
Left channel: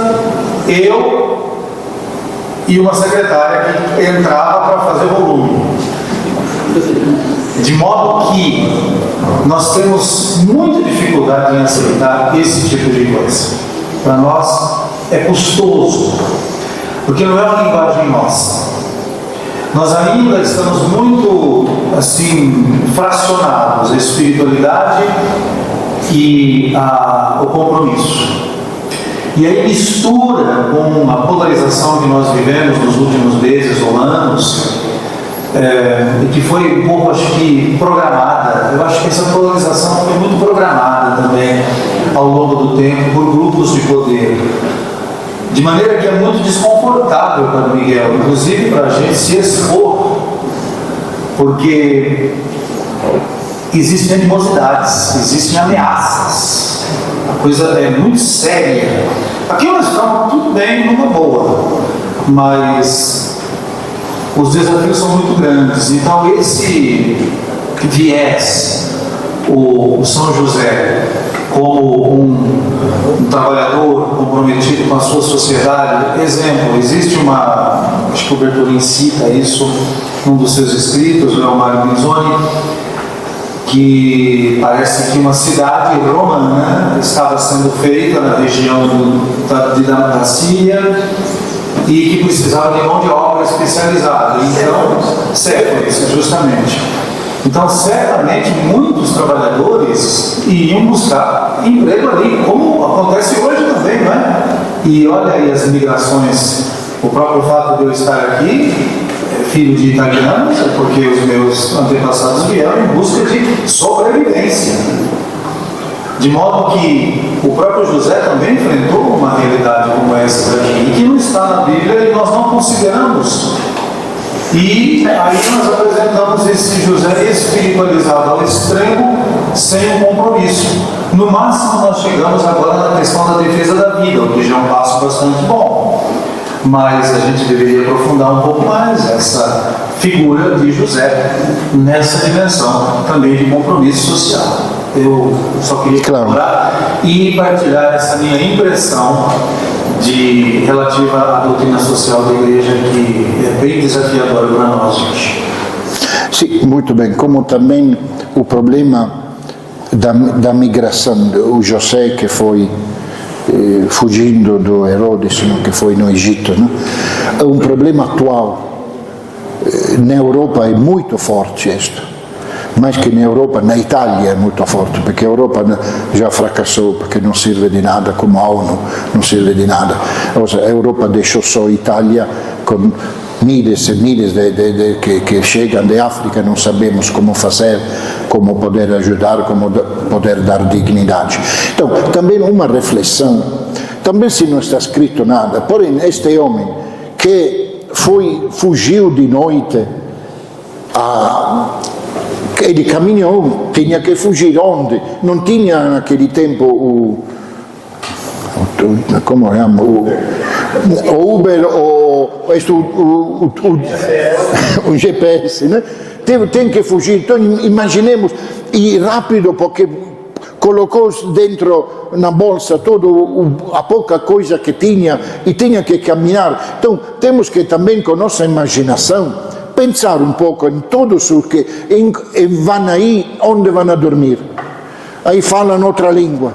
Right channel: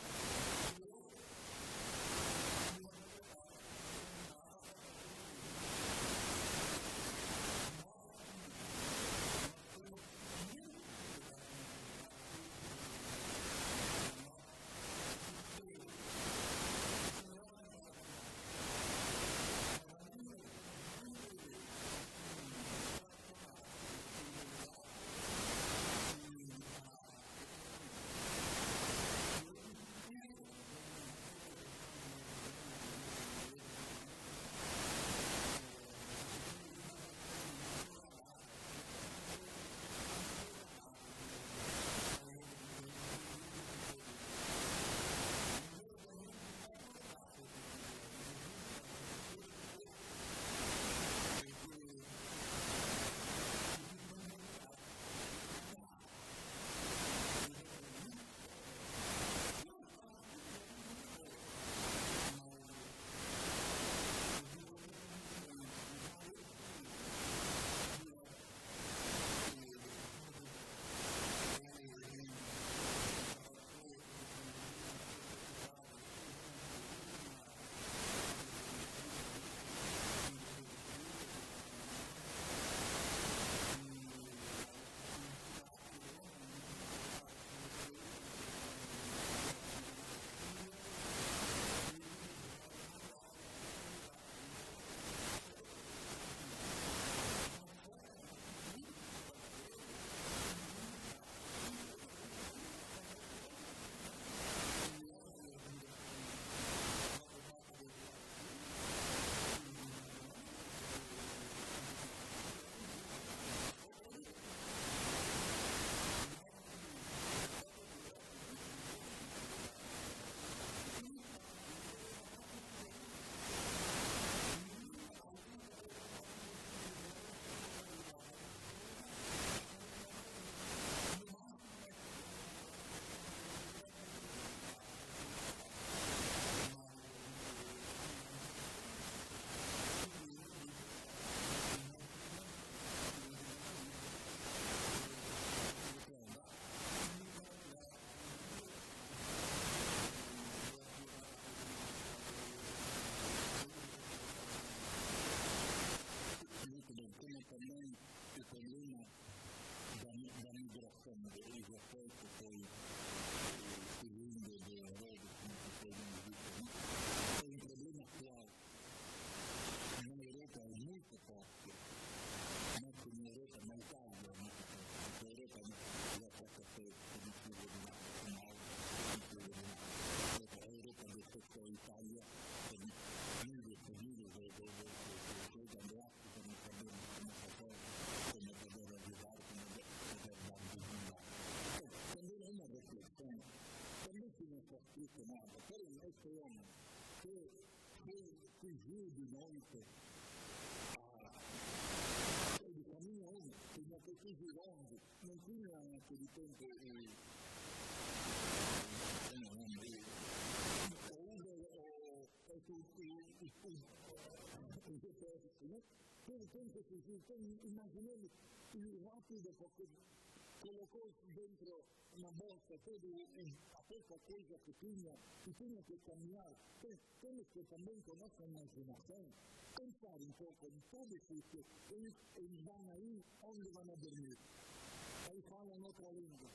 eu e uma secretária que entrava para fazer volume. De modo que nós temos muita dificuldade em aceitar esse tipo de coisa. Para nós é custoso, porque não é uma linguagem nossa. Nós ainda estamos muito, assim, fracionados, a espiritualidade e o compromisso. E aí mistura com a polarização que nós vivemos nos últimos meses ou anos, e que foi um pouco, acho que, programada. Eu acho que essa polarização foi muito programada também ao longo do tempo por grupos de poder. De maneira que é muito desconfortável para o Miguel, inclusive para a gente se expor, porque existem animosidades, existem ameaças, a coisa é muito séria. Aqui nós estamos tudo bem, numa boa, mas os desafios são muito grandes. Então esse viés, o São José, como um trabalhador comprometido com a sua sociedade. Exemplo, existe acho que o Bertolini cita isso num dos seus escritos, o Leomário Minzoni, que parece que uma cidade romana estava sendo feita na região da Síria e que precisava de mão de obra especializada. Então, Séforis, justamente. Então, certamente, muitos trabalhadores iriam buscar emprego ali, como acontece hoje também, não é? E olha aí as imigrações, o próprio fato de eu estar aqui, filho de italianos, é porque os meus antepassados vieram em busca de sobrevivência. De modo que o próprio José também enfrentou uma realidade como essa daqui, e que não está na Bíblia e nós não consideramos. E aí nós apresentamos esse José espiritualizado ao extremo, sem um compromisso. No máximo nós chegamos agora na questão da defesa da vida, o que já é um passo bastante bom. mas a gente deveria aprofundar um pouco mais essa figura de José nessa dimensão também de compromisso social. Eu só queria colaborar e partilhar essa minha impressão relativa à doutrina social da Igreja, que é bem desafiadora para nós hoje. Sim, muito bem. Como também o problema da migração, o José que foi fugindo do Herodes, que foi no Egito, é um problema atual. Na Europa é muito forte isto, mais que na Europa, na Itália é muito forte, porque a Europa já fracassou, porque não serve de nada, como a ONU não serve de nada. Ou seja, a Europa deixou só a Itália com milhares e milhares que chegam da África, não sabemos como fazer, como poder ajudar, como poder dar dignidade. Então, também uma reflexão, também se não está escrito nada, porém este homem que fugiu de noite, ele caminhou, tinha que fugir onde? Não tinha naquele tempo como chama? O Uber, o GPS, né? Tem que fugir. Então imaginemos, e rápido, porque colocou dentro na bolsa toda a pouca coisa que tinha e tinha que caminhar. Então temos que também, com nossa imaginação, pensar um pouco em todos os que vão aí, onde vão a dormir. Aí falam outra língua,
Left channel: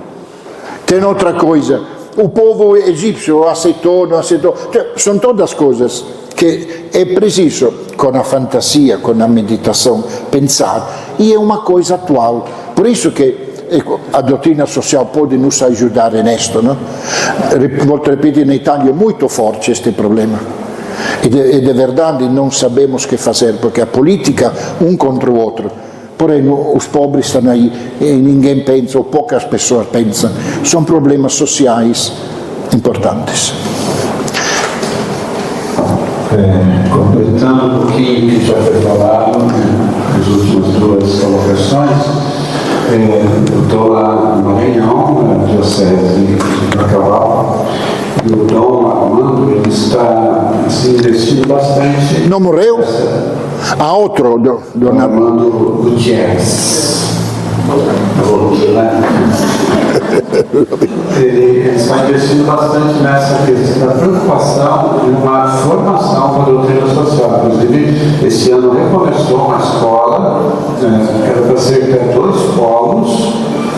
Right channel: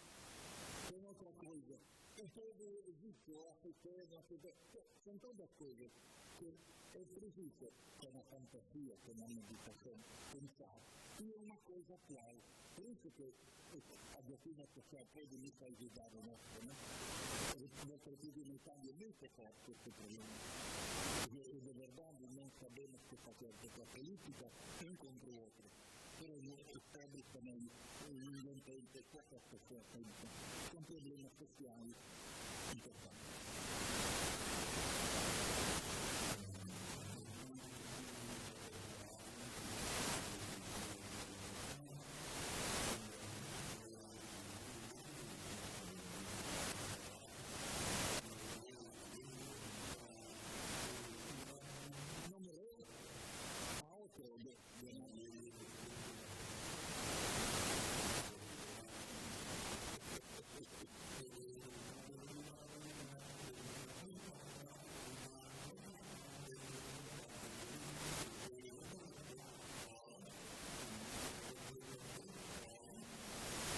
tem outra coisa. O povo egípcio aceitou, não aceitou. São todas coisas que é preciso, com a fantasia, com a meditação, pensar. E é uma coisa atual. Por isso que a doutrina social pode nos ajudar nisto, não? Volto a repetir, na Itália é muito forte este problema. E de verdade não sabemos o que fazer, porque a política um contra o outro. Porém, os pobres estão aí e ninguém pensa, ou poucas pessoas pensam. São problemas sociais importantes. Completando um pouquinho o que já foi falado nas últimas duas colocações, eu estou lá numa reunião na Diocese de Bacabal, e o Dom Armando, ele está investindo bastante. Não morreu? Há outro, Dom Armando Gutierrez. Ele está investindo bastante nessa questão da preocupação de uma formação para a doutrina social. Inclusive, esse ano recomeçou uma escola, era para ser até 2 polos.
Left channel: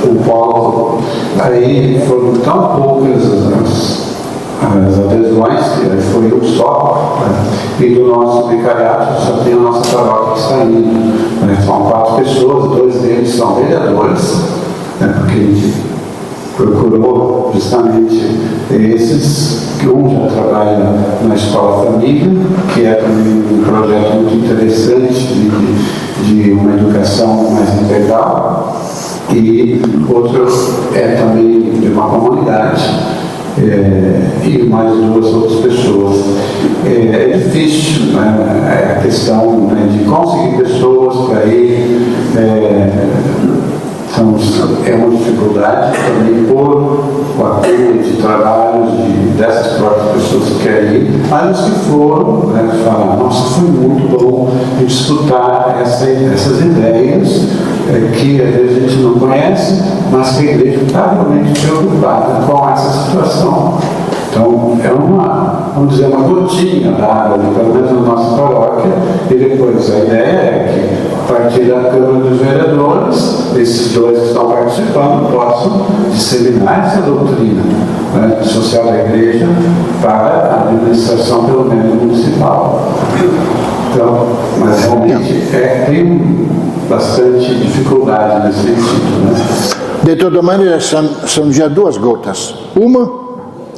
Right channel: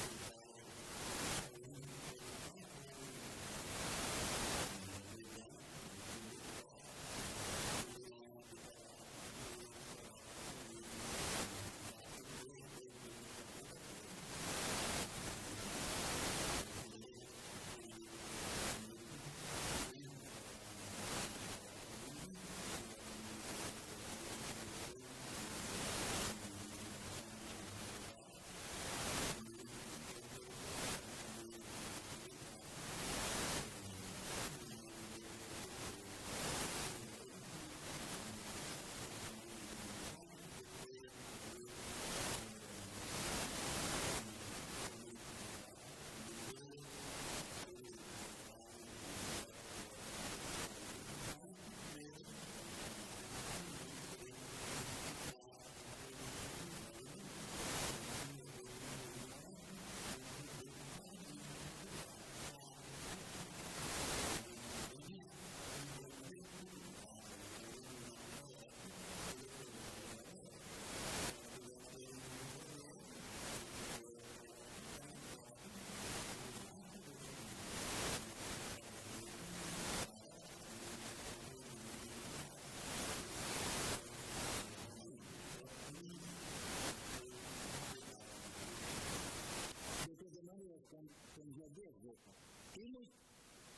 O polo, aí foram tão poucas as adesões, que foi um só, e do nosso vicariato só tem a nossa paróquia que está indo. São 4 pessoas, 2 deles são vereadores, porque a gente procurou justamente esses, que um já trabalha na Escola Família, que é um projeto muito interessante de uma educação mais integral, e outro é também de uma comunidade, e mais 2 outras pessoas. É difícil, né, a questão, né, de conseguir pessoas para ir. Então, é uma dificuldade também por o apoio de trabalhos dessas próprias pessoas que querem ir, mas os que foram, né, falam, nossa, foi muito bom escutar essas ideias que às vezes a gente não conhece, mas que a igreja está realmente preocupada com essa situação. Então, é vamos dizer, uma gotinha da água, pelo menos na nossa paróquia, e depois a ideia é que, a partir da Câmara dos Vereadores, esses 2 que estão participando possam disseminar essa doutrina, né, social da igreja para a administração, pelo menos municipal. Então, mas realmente tem bastante dificuldade nesse sentido, né? De toda maneira, são já 2 gotas. Uma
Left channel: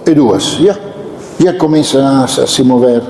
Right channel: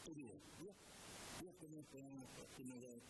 e 2. Já começam a se mover.